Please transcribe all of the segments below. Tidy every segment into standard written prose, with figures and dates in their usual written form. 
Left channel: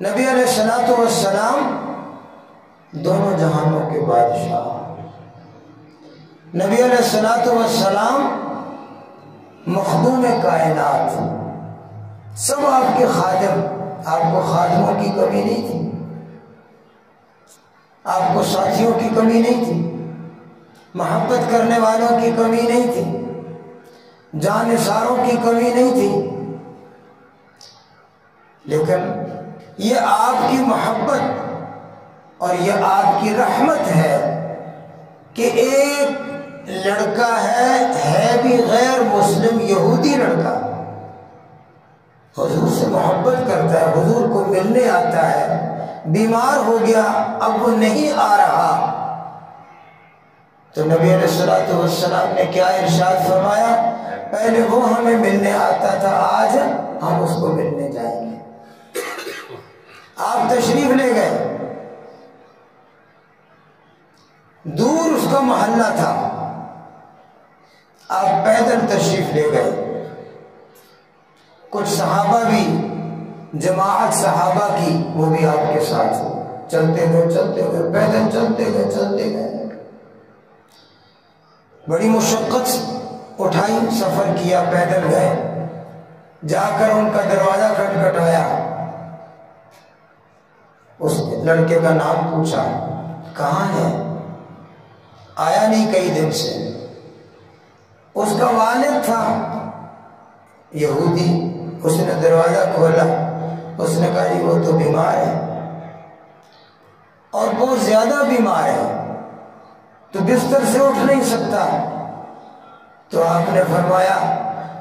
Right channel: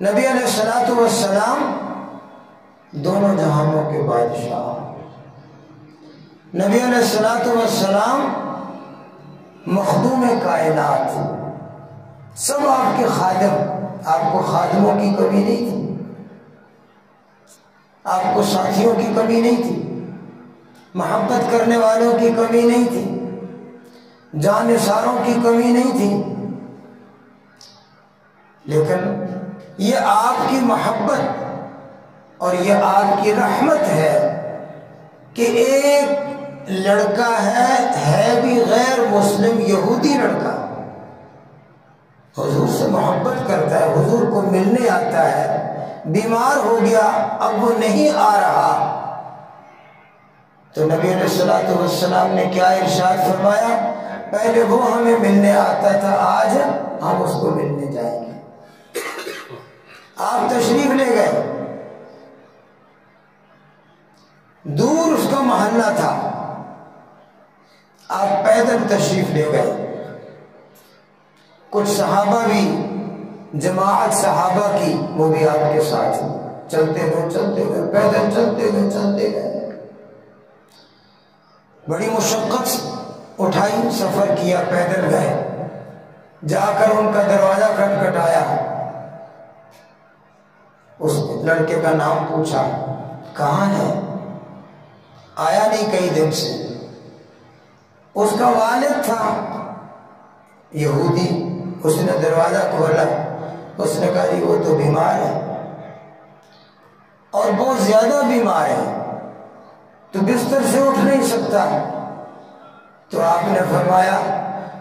نبی علیہ الصلوۃ والسلام دونوں جہانوں کے بادشاہ، نبی علیہ الصلوۃ والسلام مخدوم کائنات، سب آپ کے خادم، آپ کو خادموں کی کمی نہیں تھی، آپ کو ساتھیوں کی کمی نہیں تھی، محبت کرنے والوں کی کمی نہیں تھی، جانثاروں کی کمی نہیں تھی، لیکن یہ آپ کی محبت اور یہ آپ کی رحمت ہے کہ ایک لڑکا ہے بھی غیر مسلم یہودی لڑکا، حضور سے محبت کرتا ہے، حضور کو ملنے آتا ہے، بیمار ہو گیا اب وہ نہیں آ رہا، تو نبی علیہ الصلوۃ والسلام نے کیا ارشاد فرمایا؟ پہلے وہ ہمیں ملنے آتا تھا، آج ہم اس کو ملنے جائیں گے۔ آپ تشریف لے گئے، دور اس کا محلہ تھا، آپ پیدل تشریف لے گئے، کچھ صحابہ بھی، جماعت صحابہ کی وہ بھی آپ کے ساتھ چلتے ہوئے پیدل چلتے گئے، بڑی مشقت اٹھائی، سفر کیا، پیدل گئے، جا کر ان کا دروازہ کھٹکھٹایا، اس لڑکے کا نام پوچھا، کہاں ہے؟ آیا نہیں کئی دن سے۔ اس کا والد تھا یہودی، اس نے دروازہ کھولا، اس نے کہا جی وہ تو بیمار ہے اور بہت زیادہ بیمار ہے، تو بستر سے اٹھ نہیں سکتا، تو آپ نے فرمایا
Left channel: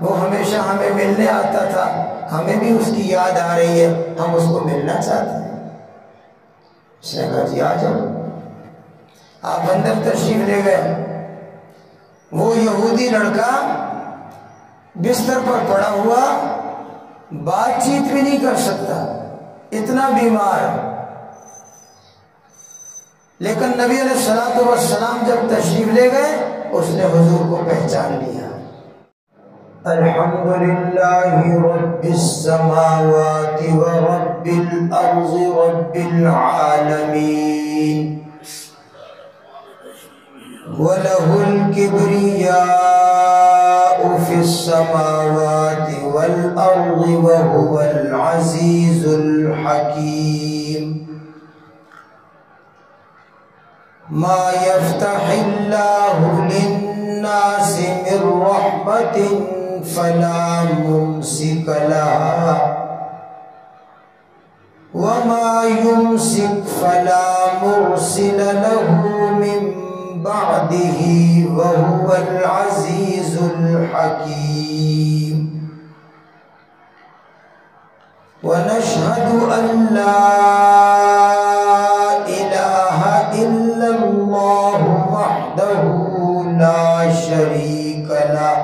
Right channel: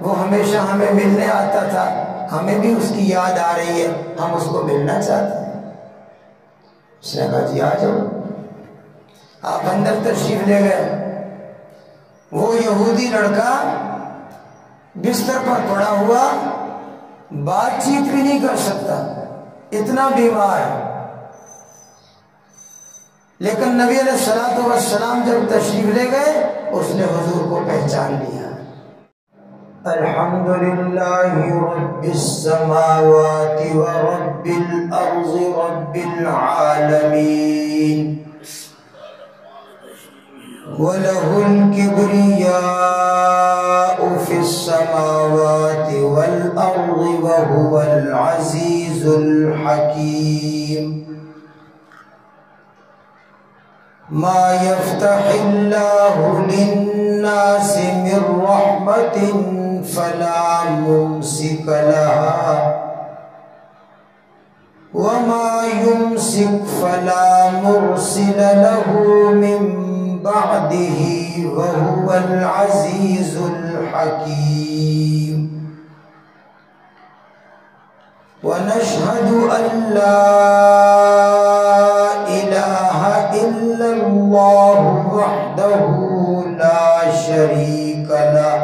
وہ ہمیشہ ہمیں ملنے آتا تھا، ہمیں بھی اس کی یاد آ رہی ہے، ہم اس کو ملنا چاہتے ہیں۔ اس نے کہا جی آ جاؤ۔ آپ اندر تشریف لے گئے، وہ یہودی لڑکا بستر پر پڑا ہوا، بات چیت بھی نہیں کر سکتا، اتنا بیمار، لیکن نبی علیہ الصلوۃ والسلام جب تشریف لے گئے اس نے حضور کو پہچان لیا۔ الحمدللہ رب السماوات ورب الارض رب العالمین وَلَهُ الْكِبْرِيَاءُ فِي السَّمَاوَاتِ وَالْأَرْضِ وَهُوَ الْعَزِيزُ الْحَكِيمُ مَا يَفْتَحِ اللَّهُ لِلنَّاسِ مِنْ رَحْمَةٍ فَلَا مُمْسِكَ لَهَا وَمَا يُمْسِكْ فَلَا مُرْسِلَ لَهُ مِنْ بعده وهو العزيز الحكيم ونشهد أن لا إله إلا الله وحده لا شريك له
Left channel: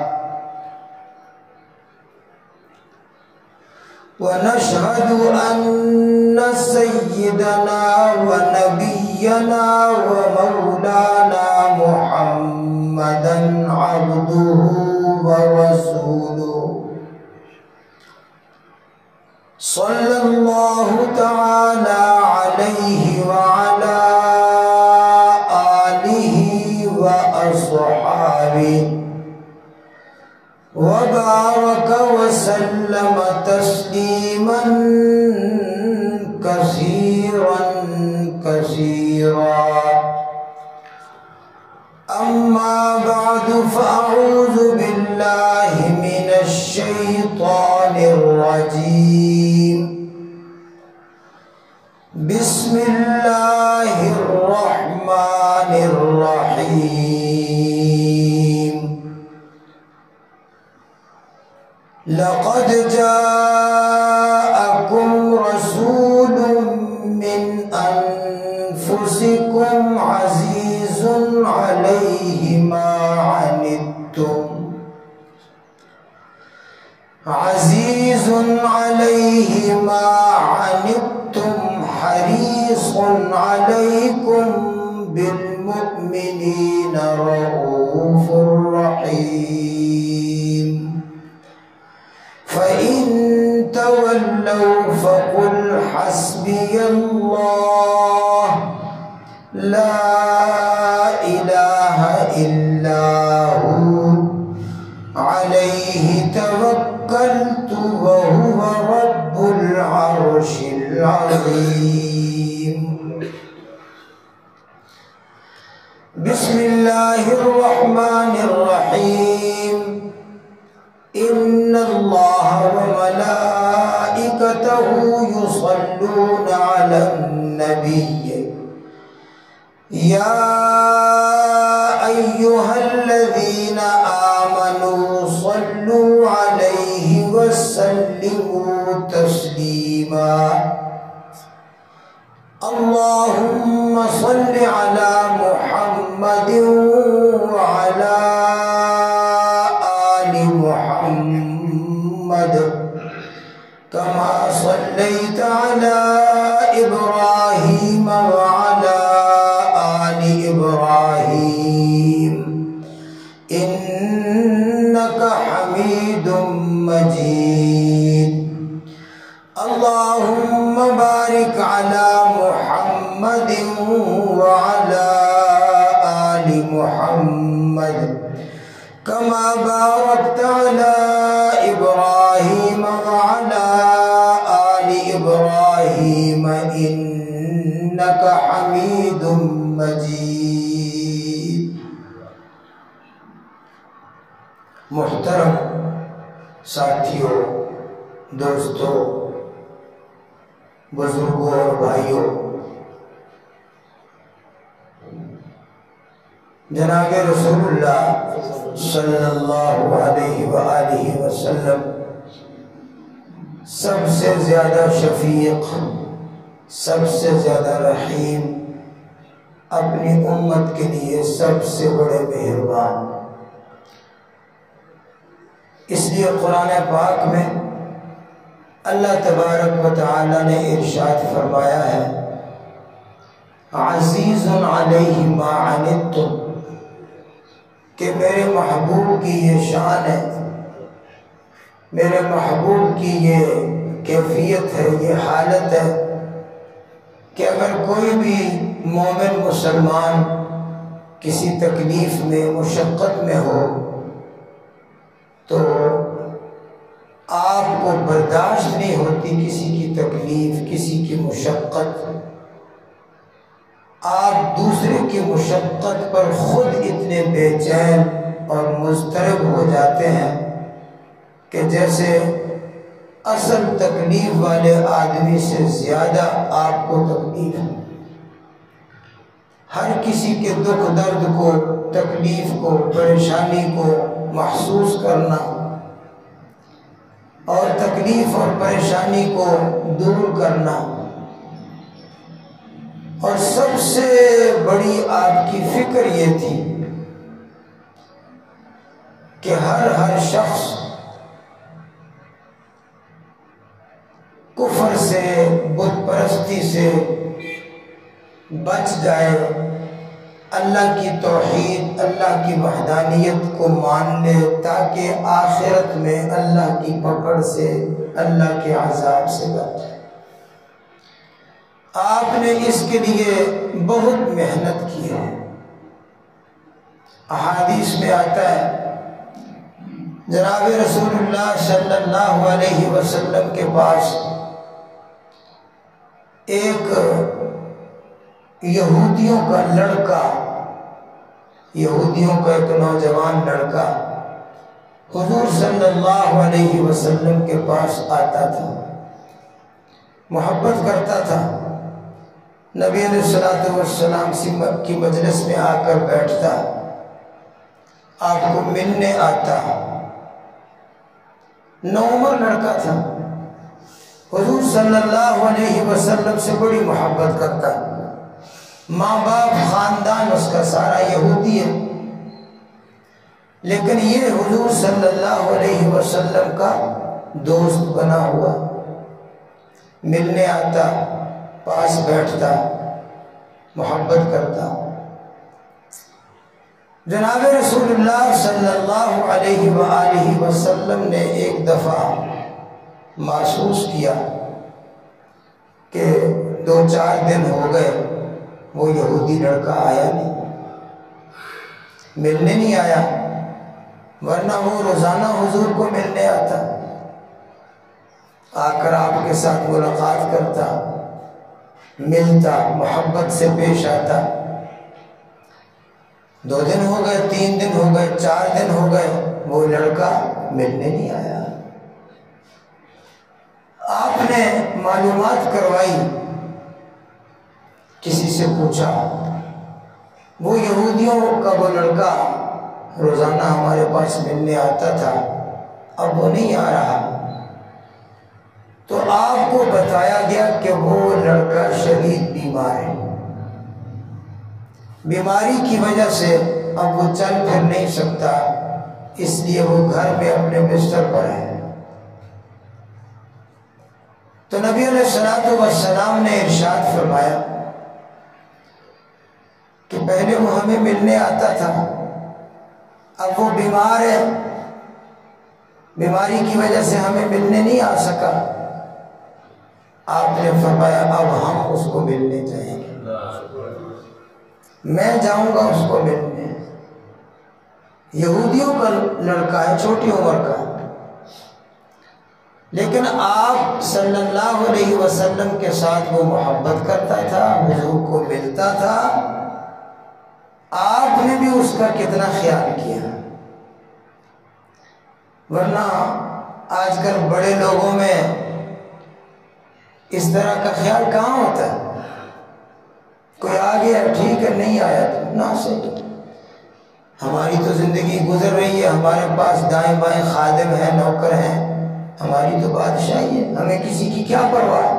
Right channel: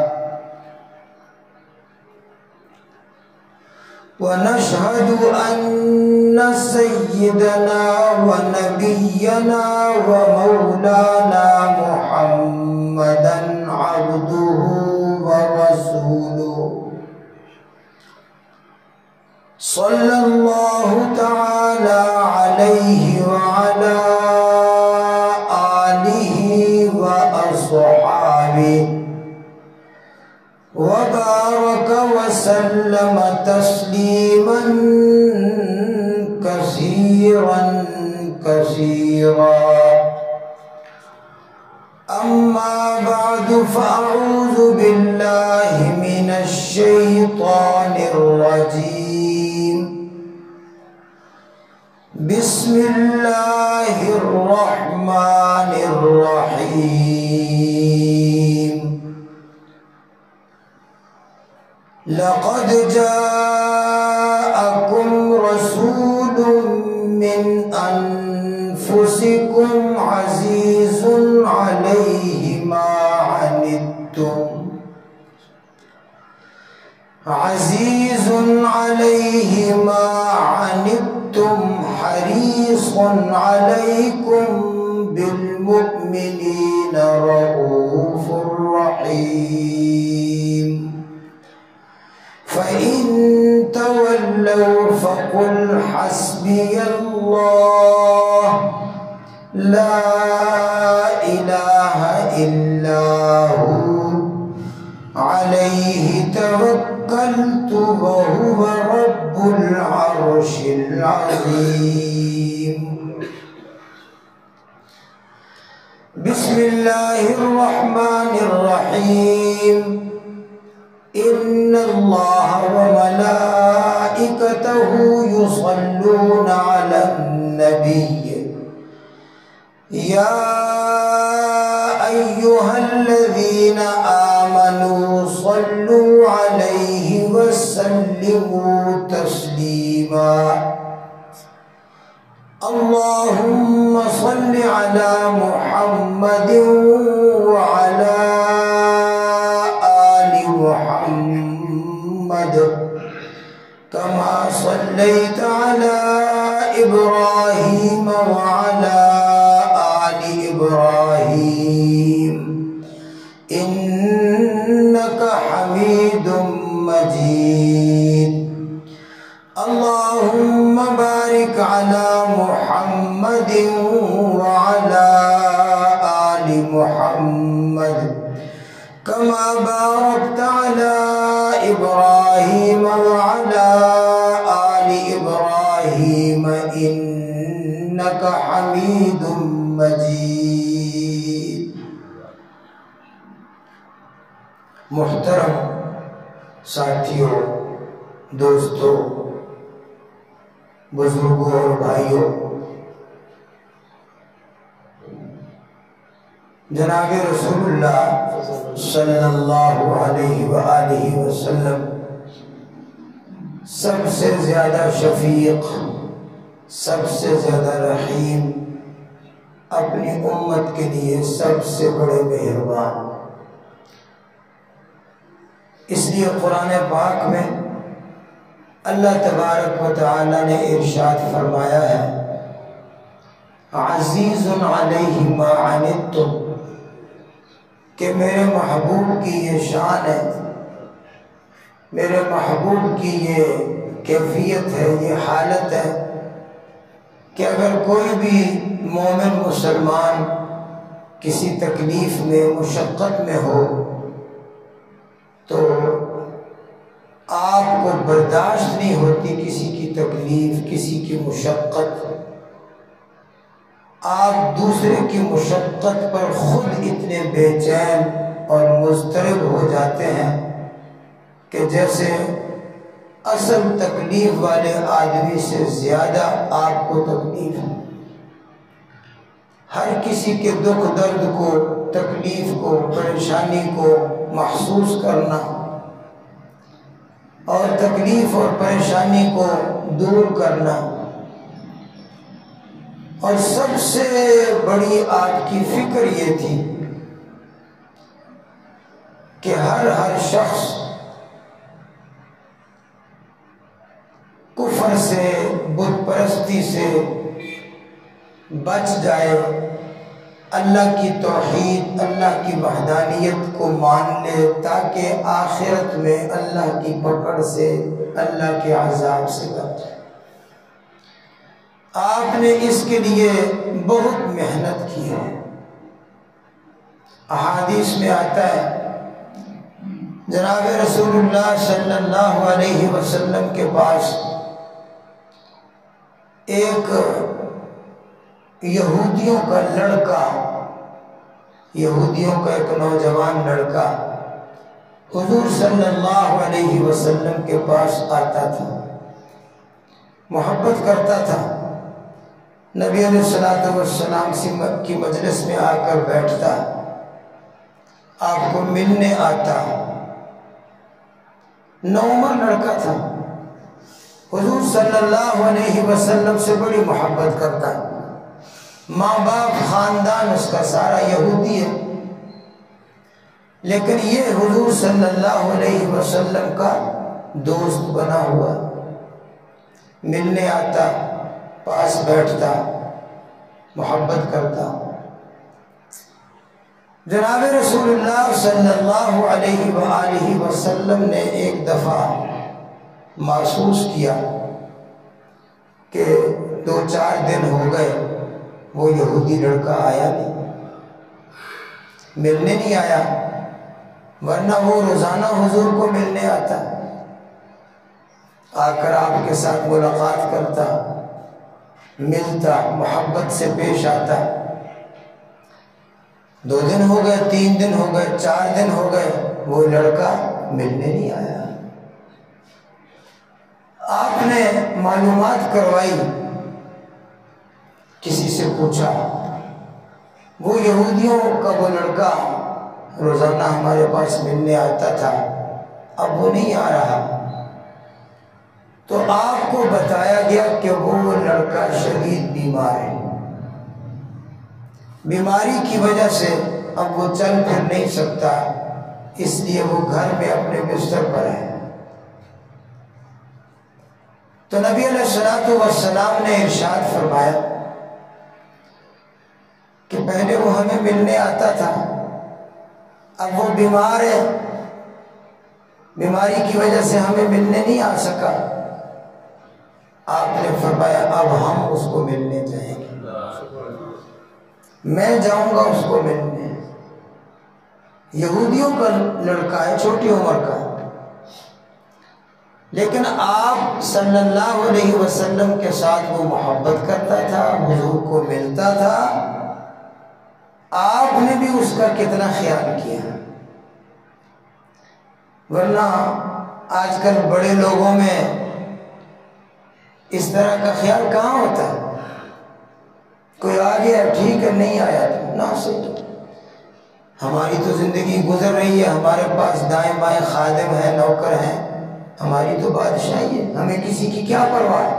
ونشهد أن سيدنا ونبينا ومولانا محمدا عبده ورسوله صلى الله تعالى عليه وعلى آله وأصحابه وبارك وسلم تسليما كثيرا كثيرا أما بعد فأعوذ بالله من الشيطان الرجيم بسم الله الرحمن الرحيم لقد جاءكم رسول من أنفسكم عزيز عليه ما عنتم حريص عليكم بالمؤمنين رؤوف رحيم فإن تولوا فقل حسبي حسبی اللہ لا الہ الا ہو علیہ توکلت وہو رب العرش العظیم۔ بسم اللہ الرحمن الرحیم۔ ان اللہ وملائکتہ یصلون علی النبی یا ایہا الذین آمنوا صلوا علیہ وسلموا تسلیما۔ اللہم صل علی محمد وعلی آل محمد کما صلیت علی ابراہیم وعلی آل ابراہیم انک حمید مجید۔ اللہم بارک علی محمد وعلی آل محمد کما بارکت علی ابراہیم وعلی آل ابراہیم انک حمید مجید۔ محترم ساتھیوں، دوستوں، بزرگوں اور بھائیوں، جناب رسول اللہ صلی اللہ علیہ وآلہ وسلم سب سے زیادہ شفیق، سب سے زیادہ رحیم، اپنی امت کے لیے سب سے بڑے مہربان۔ اس لیے قرآن پاک میں اللہ تبارک و تعالی نے ارشاد فرمایا ہے عزیز علیہ ما عنتم، کہ میرے محبوب کی یہ شان ہے، میرے محبوب کی یہ کیفیت ہے، یہ حالت ہے کہ اگر کوئی بھی مومن مسلمان کسی تکلیف میں، مشقت میں ہو تو آپ کو برداشت نہیں ہوتی کسی کی تکلیف، کسی کی مشقت، آپ دوسرے کی مشقت پر خود اتنے بے چین اور مضطرب ہو جاتے ہیں کہ جیسے اصل تکلیف والے آدمی سے زیادہ آپ کو تکلیف ہے۔ ہر کسی کے دکھ درد کو، تکلیف کو، پریشانی کو محسوس کرنا اور تکلیف اور پریشانی کو دور کرنا، اور سب سے بڑی آپ کی فکر یہ تھی کہ ہر شخص کفر سے، بت پرستی سے بچ جائے، اللہ کی توحید، اللہ کی وحدانیت کو مان لے تاکہ آخرت میں اللہ کی پکڑ سے، اللہ کے عذاب سے بچ جائے۔ آپ نے اس کے لیے بہت محنت کی ہے۔ احادیث میں آتا ہے جناب رسول اللہ صلی اللہ علیہ وسلم کے پاس ایک یہودیوں کا لڑکا، یہودیوں کا ایک نوجوان لڑکا حضور صلی اللہ علیہ وسلم کے پاس آتا تھا، محبت کرتا تھا، نبی علیہ السلام کی مجلس میں آ کر بیٹھتا، آپ کو ملنے آتا، نوعمر لڑکا تھا، حضور صلی اللہ علیہ وسلم سے بڑی محبت کرتا، ماں باپ خاندان اس کا سارا یہودی ہے، لیکن یہ حضور صلی اللہ علیہ وسلم کا دوست بنا ہوا، ملنے آتا، پاس بیٹھتا، محبت کرتا۔ جناب رسول اللہ صلی اللہ علیہ وآلہ وسلم نے ایک دفعہ محسوس کیا کہ 2-4 دن ہو گئے وہ یہودی لڑکا آیا نہیں، ملنے نہیں آیا، ورنہ وہ روزانہ حضور کو ملنے آتا، آ کر آپ کے ساتھ ملاقات کرتا، ملتا، محبت سے پیش آتا۔ 2 دن ہو گئے، 3 دن ہو گئے، 4 دن ہو گئے، وہ لڑکا ملنے نہیں آیا۔ آپ نے معلومات کروائی، کسی سے پوچھا، وہ یہودیوں کا وہ لڑکا روزانہ ہمارے پاس ملنے آتا تھا، اب وہ نہیں آ رہا۔ تو آپ کو بتایا گیا کہ وہ لڑکا شدید بیمار ہے، بیماری کی وجہ سے اب وہ چل پھر نہیں سکتا، اس لیے وہ گھر میں اپنے بستر پر ہے۔ تو نبی علیہ الصلوۃ والسلام نے ارشاد فرمایا کہ پہلے وہ ہمیں ملنے آتا تھا، اب وہ بیمار ہے، بیماری کی وجہ سے ہمیں ملنے نہیں آ سکا۔ آپ نے فرمایا اب ہم اس کو ملنے جائیں گے، میں جاؤں گا اس کو ملنے۔ یہودیوں کا لڑکا ہے، چھوٹی عمر کا، لیکن آپ صلی اللہ علیہ وسلم کے ساتھ وہ محبت کرتا تھا، حضور کو ملتا تھا، آپ نے بھی اس کا کتنا خیال کیا۔ ورنہ آج کل بڑے لوگوں میں اس طرح کا خیال کہاں ہوتا ہے؟ کوئی آ گیا ٹھیک ہے، نہیں آیا تو نہ صحیح، ہماری تو زندگی گزر رہی ہے، ہمارے پاس دائیں بائیں خادم ہیں، نوکر ہیں، ہماری تو بادشاہی ہے، ہمیں کسی کی کیا پرواہ ہے۔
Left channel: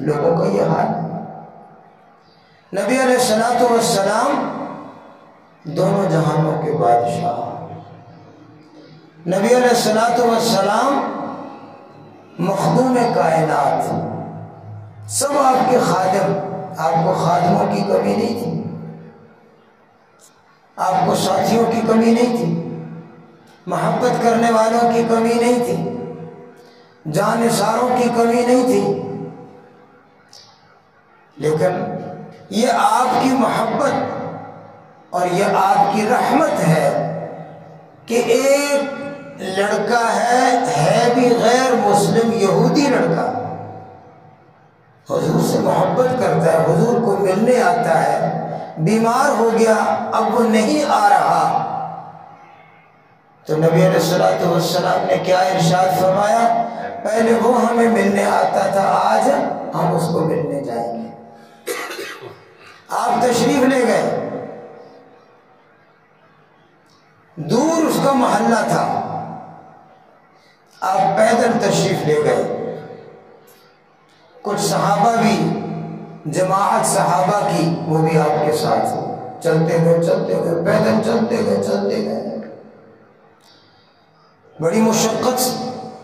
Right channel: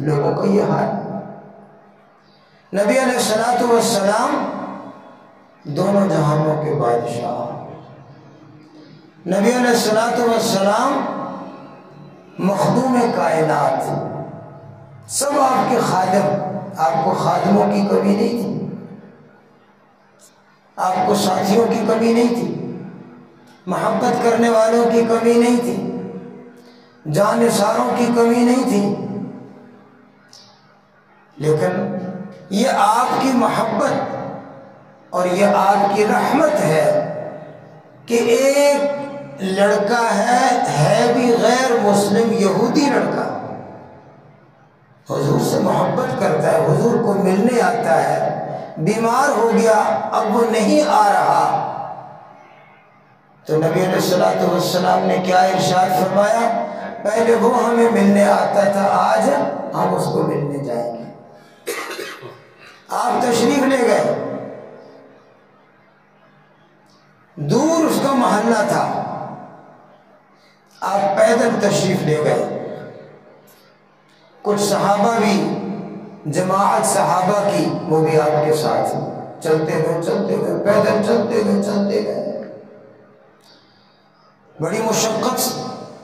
لوگوں کا یہ حال ہے۔ نبی علیہ الصلوۃ والسلام دونوں جہانوں کے بادشاہ، نبی علیہ الصلوۃ والسلام مخدوم کائنات، سب آپ کے خادم، آپ کو خادموں کی کمی نہیں تھی، آپ کو ساتھیوں کی کمی نہیں تھی، محبت کرنے والوں کی کمی نہیں تھی، جانثاروں کی کمی نہیں تھی، لیکن یہ آپ کی محبت اور یہ آپ کی رحمت ہے کہ ایک لڑکا ہے بھی غیر مسلم یہودی لڑکا، حضور سے محبت کرتا ہے، حضور کو ملنے آتا ہے، بیمار ہو گیا اب وہ نہیں آ رہا، تو نبی علیہ الصلوۃ والسلام نے کیا ارشاد فرمایا؟ پہلے وہ ہمیں ملنے آتا تھا، آج ہم اس کو ملنے جائیں گے۔ آپ تشریف لے گئے، دور اس کا محلہ تھا، آپ پیدل تشریف لے گئے، کچھ صحابہ بھی، جماعت صحابہ کی وہ بھی آپ کے ساتھ چلتے گئے، پیدل چلتے گئے، بڑی مشقت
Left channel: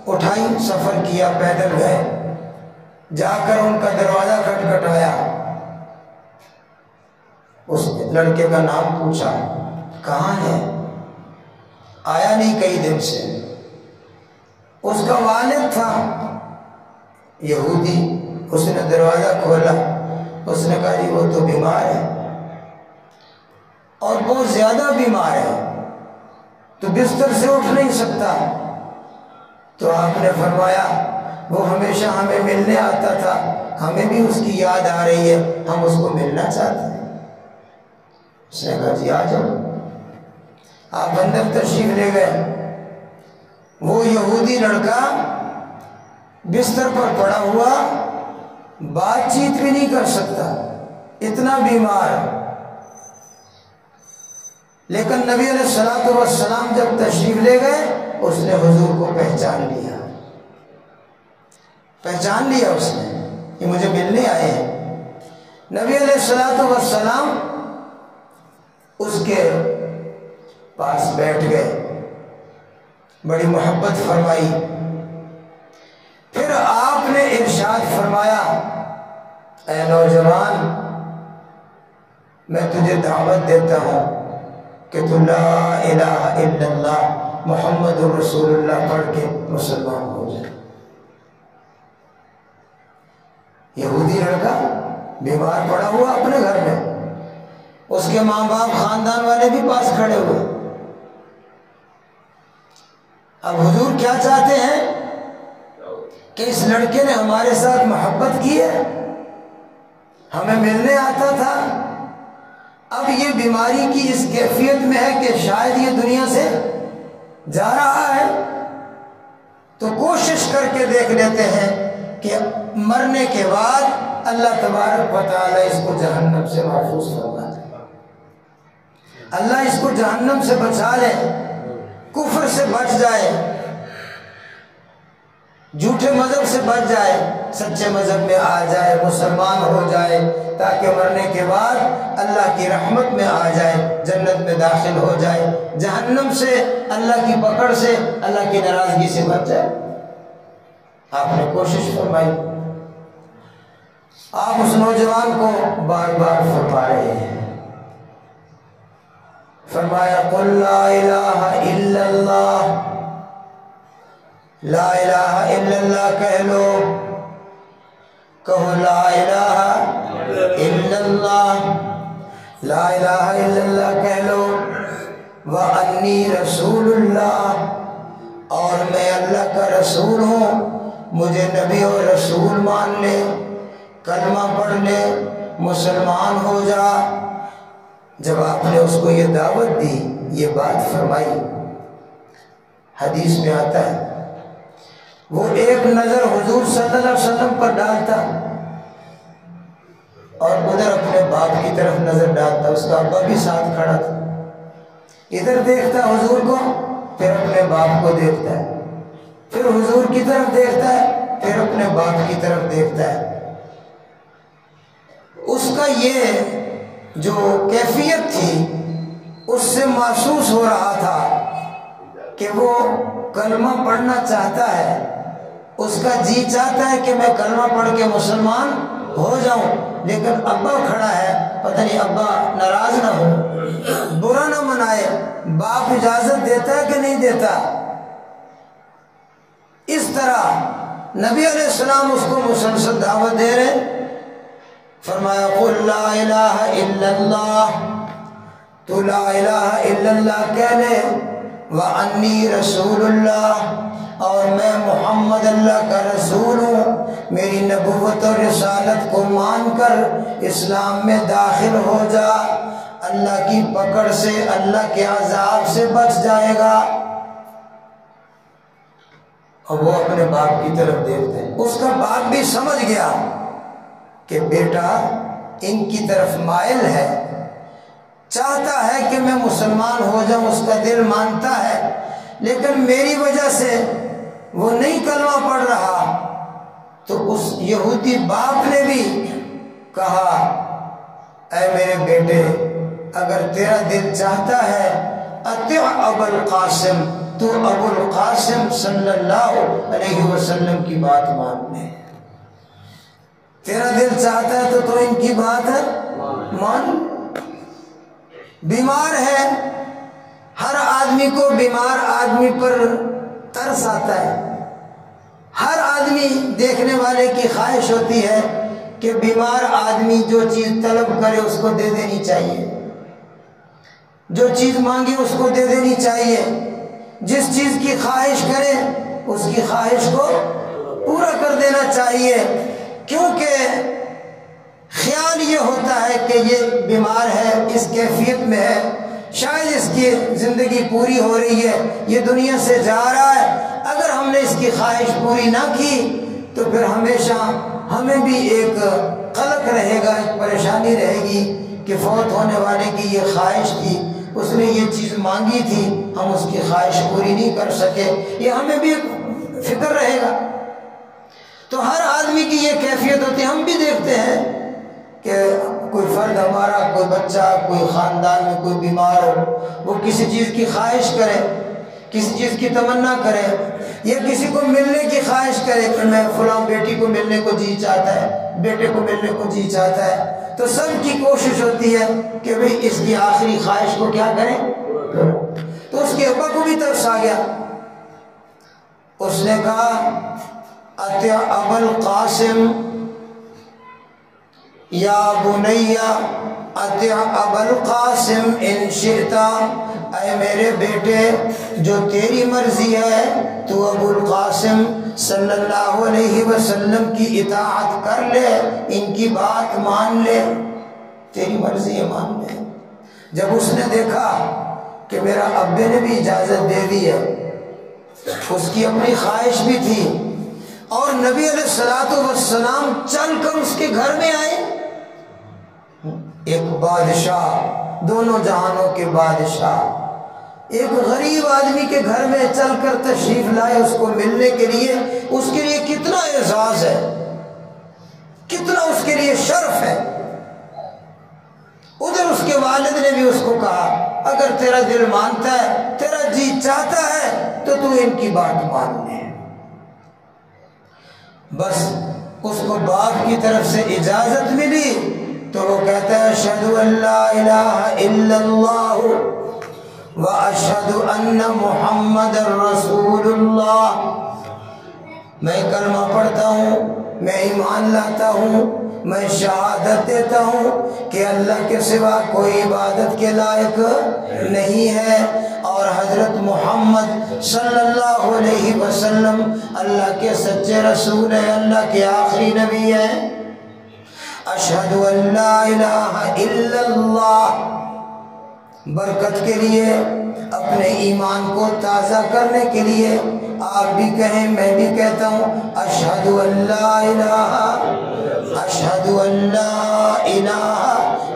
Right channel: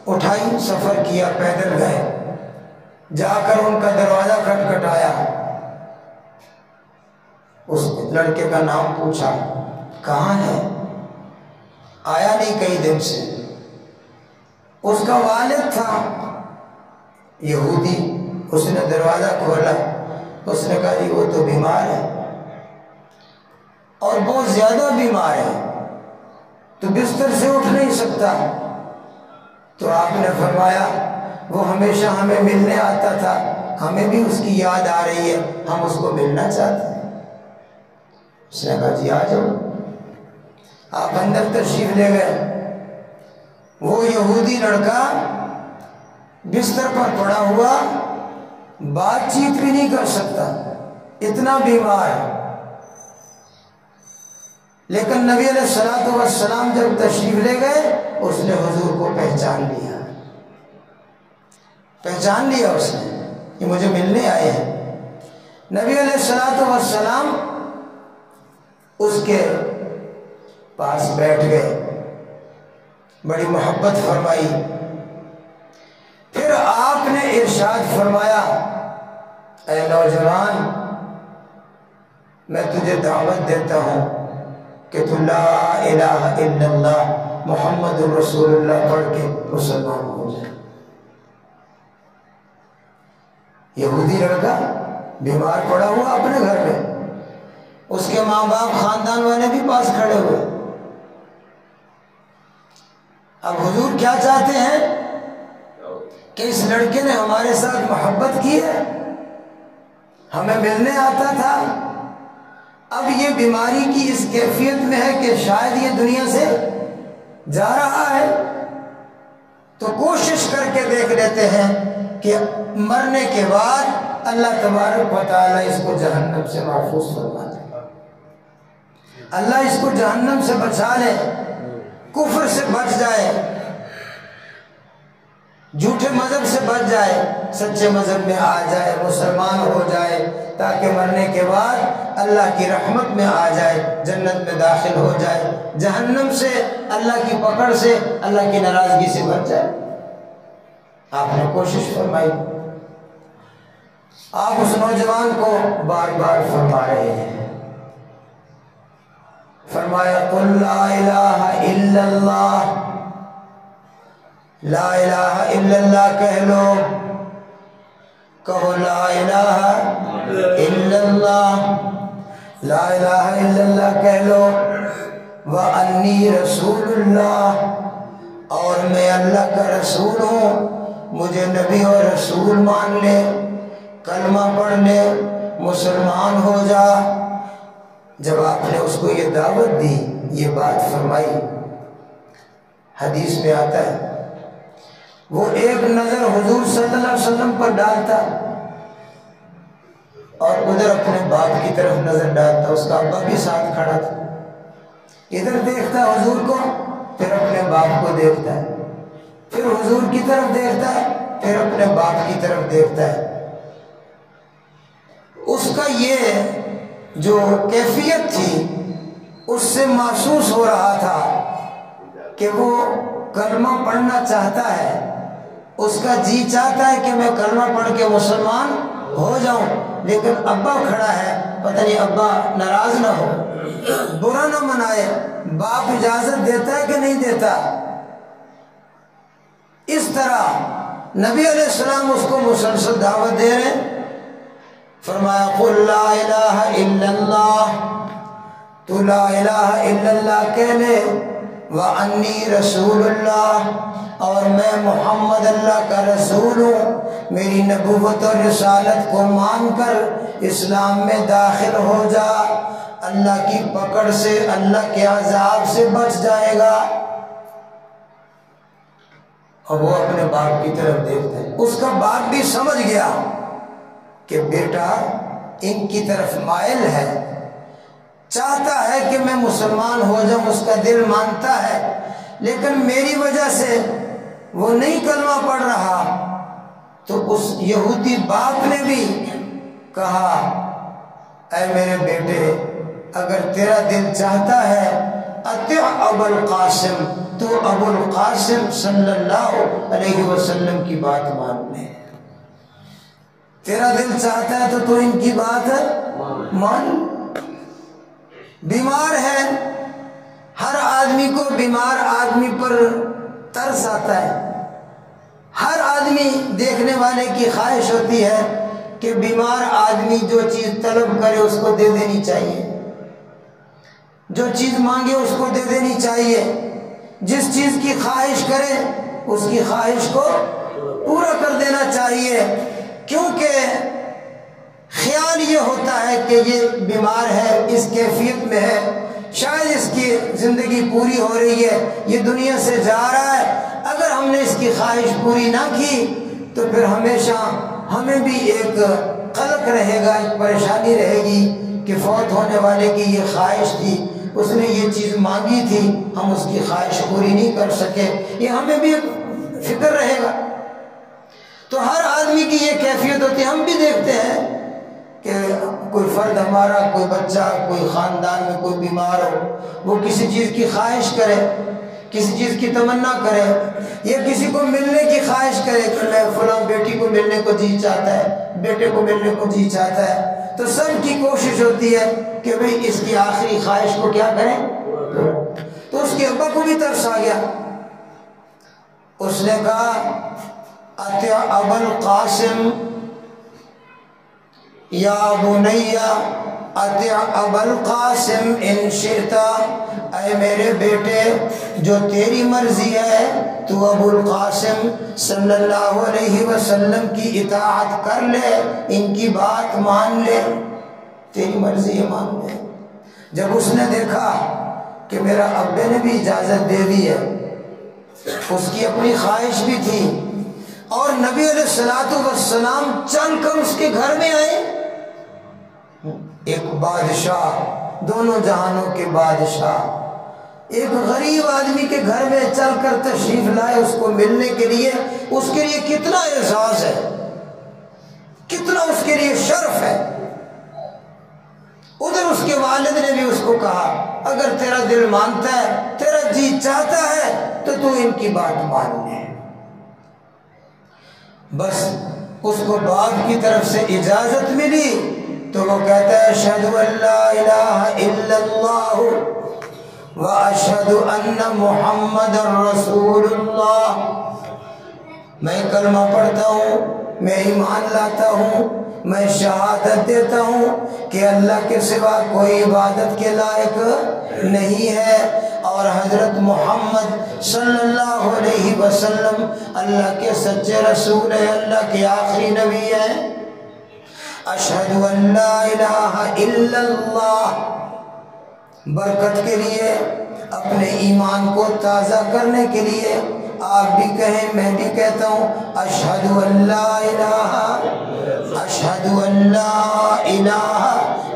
اٹھائی، سفر کیا، پیدل گئے، جا کر ان کا دروازہ کھٹکھٹایا، اس لڑکے کا نام پوچھا، کہاں ہے؟ آیا نہیں کئی دن سے۔ اس کا والد تھا یہودی، اس نے دروازہ کھولا، اس نے کہا جی وہ تو بیمار ہے اور بہت زیادہ بیمار ہے، تو بستر سے اٹھ نہیں سکتا۔ تو آپ نے فرمایا وہ ہمیشہ ہمیں ملنے آتا تھا، ہمیں بھی اس کی یاد آ رہی ہے، ہم اس کو ملنا چاہتے ہیں۔ اس نے کہا جی آ جاؤ۔ آپ اندر تشریف لے گئے، وہ یہودی لڑکا بستر پر پڑا ہوا، بات چیت بھی نہیں کر سکتا، اتنا بیمار، لیکن نبی علیہ الصلوۃ والسلام جب تشریف لے گئے اس نے حضور کو پہچان لیا اس نے کہ مجھے ملنے آئے ہیں۔ نبی علیہ الصلوۃ والسلام اس کے پاس بیٹھ گئے، بڑی محبت فرمائی، پھر آپ نے ارشاد فرمایا اے نوجوان، میں تجھے دعوت دیتا ہوں کہ تو لا الہ الا اللہ محمد رسول اللہ پڑھ کے مسلمان ہو جائے۔ یہودی لڑکا بیمار پڑا ہوا اپنے گھر میں، اس کے ماں باپ خاندان والے بھی پاس کھڑے ہوئے۔ اب حضور کیا چاہتے ہیں کہ اس لڑکے نے ہمارے ساتھ محبت کی ہے، ہمیں ملنے آتا تھا، اب یہ بیماری کی اس کیفیت میں ہے کہ شاید یہ دنیا سے جا رہا ہے، تو کوشش کر کے دیکھ لیتے ہیں کہ مرنے کے بعد اللہ تبارک و تعالیٰ اس کو جہنم سے محفوظ فرما دے، اللہ اس کو جہنم سے بچا لے، کفر سے بچ جائے، جھوٹے مذہب سے بچ جائے، سچے مذہب میں آ جائے، مسلمان ہو جائے، تاکہ مرنے کے بعد اللہ کی رحمت میں آ جائے، جنت میں داخل ہو جائے، جہنم سے، اللہ کی پکڑ سے، اللہ کی ناراضگی سے بچ جائے۔ آپ نے کوشش فرمائی، آپ اس نوجوان کو بار بار فرما رہے ہیں، فرمایا قل لا الہ الا اللہ، لا الہ الا اللہ کہہ لو، کہو لا الہ الا اللہ، لا الہ الا اللہ کہہ لو، وانی رسول اللہ، اور میں اللہ کا رسول ہوں، مجھے نبی اور رسول مان لے، کلمہ پڑھ لے، مسلمان ہو جا۔ جب آپ نے اس کو یہ دعوت دی، یہ بات فرمائی، حدیث میں آتا ہے وہ ایک نظر حضور صلی اللہ علیہ وسلم پر ڈالتا اور ادھر اپنے باپ کی طرف نظر ڈالتا، اس کا ابا بھی ساتھ کھڑا تھا، ادھر دیکھتا حضور کو، پھر اپنے باپ کو دیکھتا ہے، پھر حضور کی طرف دیکھتا ہے، پھر اپنے باپ کی طرف دیکھتا ہے۔ اس کا یہ جو کیفیت تھی اس سے محسوس ہو رہا تھا کہ وہ کلمہ پڑھنا چاہتا ہے، اس کا جی چاہتا ہے کہ میں کلمہ پڑھ کے مسلمان ہو جاؤں، لیکن ابا کھڑا ہے، پتہ نہیں ابا ناراض نہ ہو، برا نہ منائے، باپ اجازت دیتا ہے کہ نہیں دیتا۔ اس طرح نبی علیہ السلام اس کو مسلسل دعوت دے رہے، فرمایا قل لا الہ الا اللہ، تو لا الہ الا اللہ کہہ لے، وانی رسول اللہ، اور میں محمد اللہ کا رسول ہوں، میری نبوت اور رسالت کو مان کر اسلام میں داخل ہو جا، اللہ کی پکڑ سے، اللہ کے عذاب سے بچ جائے گا۔ اب وہ اپنے باپ کی طرف دیکھتے ہیں، اس کا باپ بھی سمجھ گیا کہ بیٹا ان کی طرف مائل ہے، چاہتا ہے کہ میں مسلمان ہو جاؤں، اس کا دل مانتا ہے، لیکن میری وجہ سے وہ نہیں کلمہ پڑھ رہا۔ تو اس یہودی باپ نے بھی کہا اے میرے بیٹے، اگر تیرا دل چاہتا ہے اطیع ابو القاسم، تو ابو القاسم صلی اللہ علیہ وسلم کی بات مان لے، تیرا دل چاہتا ہے تو ان کی بات مان۔ بیمار ہے، ہر آدمی کو بیمار آدمی پر ترس آتا ہے، ہر آدمی دیکھنے والے کی خواہش ہوتی ہے کہ بیمار آدمی جو چیز طلب کرے اس کو دے دینی چاہیے، جو چیز مانگے اس کو دے دینی چاہیے، جس چیز کی خواہش کرے اس کی خواہش کو پورا کر دینا چاہیے، کیونکہ خیال یہ ہوتا ہے کہ یہ بیمار ہے، اس کیفیت میں ہے، شاید اس کی زندگی پوری ہو رہی ہے، یہ دنیا سے جا رہا ہے، اگر ہم نے اس کی خواہش پوری نہ کی تو پھر ہمیشہ ہمیں بھی ایک قلق رہے گا، ایک پریشانی رہے گی کہ فوت ہونے والے کی یہ خواہش تھی، اس نے یہ چیز مانگی تھی، ہم اس کی خواہش پوری نہیں کر سکے، یہ ہمیں بھی فکر رہے گا۔ تو ہر آدمی کی یہ کیفیت ہوتی ہے، ہم بھی دیکھتے ہیں کہ کوئی فرد ہمارا، کوئی بچہ، کوئی خاندان میں کوئی بیمار ہو، وہ کسی چیز کی خواہش کرے، کسی چیز کی تمنا کرے، یا کسی کو ملنے کی خواہش کرے کہ میں فلاں بیٹی کو ملنے کو جی چاہتا ہے، بیٹے کو ملنے کو جی چاہتا ہے، تو سب کی کوشش ہوتی ہے کہ بھئی اس کی آخری خواہش کو کیا کریں۔ تو اس کے ابا کو بھی ترس آ گیا، اس نے کہا اطیع ابا القاسم، یا بنیا اطع ابا القاسم ان شئت، اے میرے بیٹے جو تیری مرضی ہے تو ابو القاسم صلی اللہ علیہ وسلم کی اطاعت کر لے، ان کی بات مان لے، تیری مرضی ہے مان لے۔ جب اس نے دیکھا کہ میرا ابے نے بھی اجازت دے دی ہے، اس کی اپنی خواہش بھی تھی، اور نبی علیہ الصلوۃ والسلام چل کر اس کے گھر میں آئے، ایک بادشاہ، دونوں جہانوں کے بادشاہ ایک غریب آدمی کے گھر میں چل کر تشریف لائے اس کو ملنے کے لیے، اس کے لیے کتنا اعزاز ہے، کتنا اس کے لیے شرف ہے۔ ادھر اس کے والد نے بھی اس کو کہا اگر تیرا دل مانتا ہے، تیرا جی چاہتا ہے تو تو ان کی بات مان لے۔ بس اس کو باپ کی طرف سے اجازت ملی تو وہ کہتا ہے اشہد ان لا الہ الا اللہ واشہد ان محمد رسول اللہ، میں کلمہ پڑھتا ہوں، میں ایمان لاتا ہوں، میں شہادت دیتا ہوں کہ اللہ کے سوا کوئی عبادت کے لائق نہیں ہے، اور حضرت محمد صلی اللہ علیہ وسلم اللہ کے سچے رسول ہیں، اللہ کے آخری نبی ہیں۔ اشہد ان لا الہ الا اللہ، برکت کے لیے، اپنے ایمان کو تازہ کرنے کے لیے آپ بھی کہیں، میں بھی کہتا ہوں اشہد ان لا الہ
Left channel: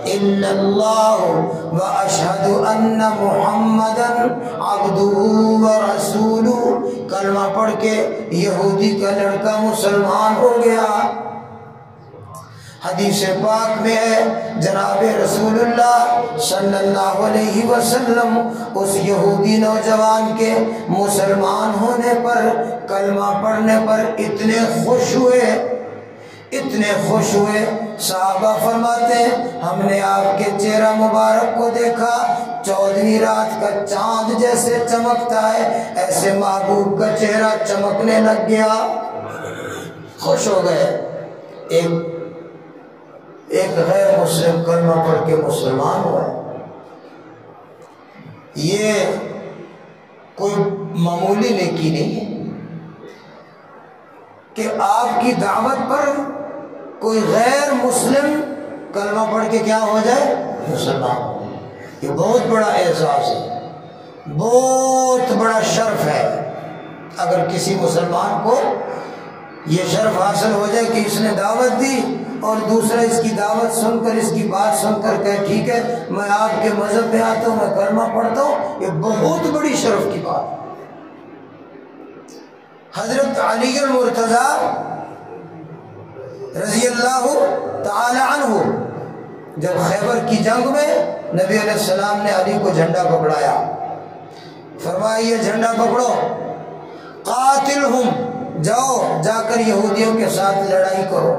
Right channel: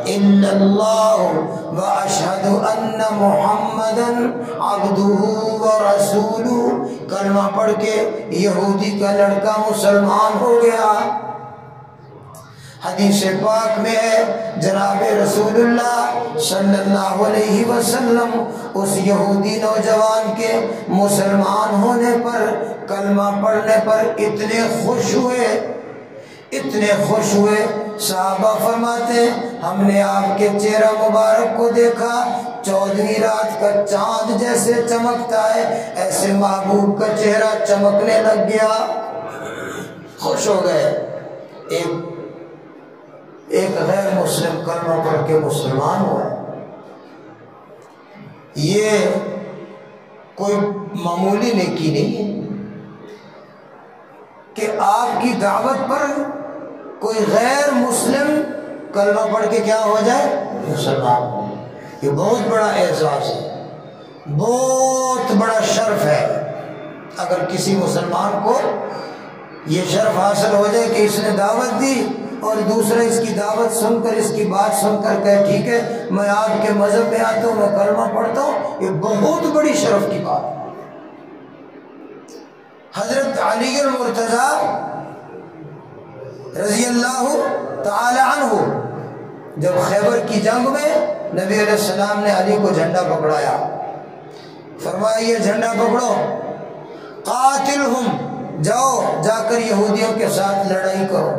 الا اللہ واشہد ان محمدا عبدہ ورسولہ۔ کلمہ پڑھ کے یہودی کا لڑکا مسلمان ہو گیا۔ حدیث پاک میں ہے جناب رسول اللہ صلی اللہ علیہ وسلم اس یہودی نوجوان کے مسلمان ہونے پر، کلمہ پڑھنے پر اتنے خوش ہوئے، اتنے خوش ہوئے، صحابہ فرماتے ہیں ہم نے آپ کے چہرہ مبارک کو دیکھا 14ویں رات کا چاند جیسے چمکتا ہے، ایسے محبوب کا چہرہ چمکنے لگ گیا، خوش ہو گئے۔ ایک غیر مسلم کلمہ پڑھ کے مسلمان ہوا، یہ کوئی معمولی نیکی نہیں ہے کہ آپ کی دعوت پر کوئی غیر مسلم کلمہ پڑھ کے کیا ہو جائے، مسلمان۔ یہ بہت بڑا اعزاز ہے، بہت بڑا شرف ہے۔ اگر کسی مسلمان کو یہ شرف حاصل ہو جائے کہ اس نے دعوت دی اور دوسرا اس کی دعوت سن کر، اس کی بات سن کر کہے ٹھیک ہے میں آپ کے مذہب میں آتا ہوں، میں کلمہ پڑھتا ہوں، یہ بہت بڑی شرف کی بات ہے۔ حضرت علی المرتضیٰ رضی اللہ تعالی عنہ جب خیبر کی جنگ میں نبی علیہ السلام نے علی کو جھنڈا پکڑایا، فرمایا یہ جھنڈا پکڑو، قاتلہم، جاؤ جا کر یہودیوں کے ساتھ لڑائی کرو۔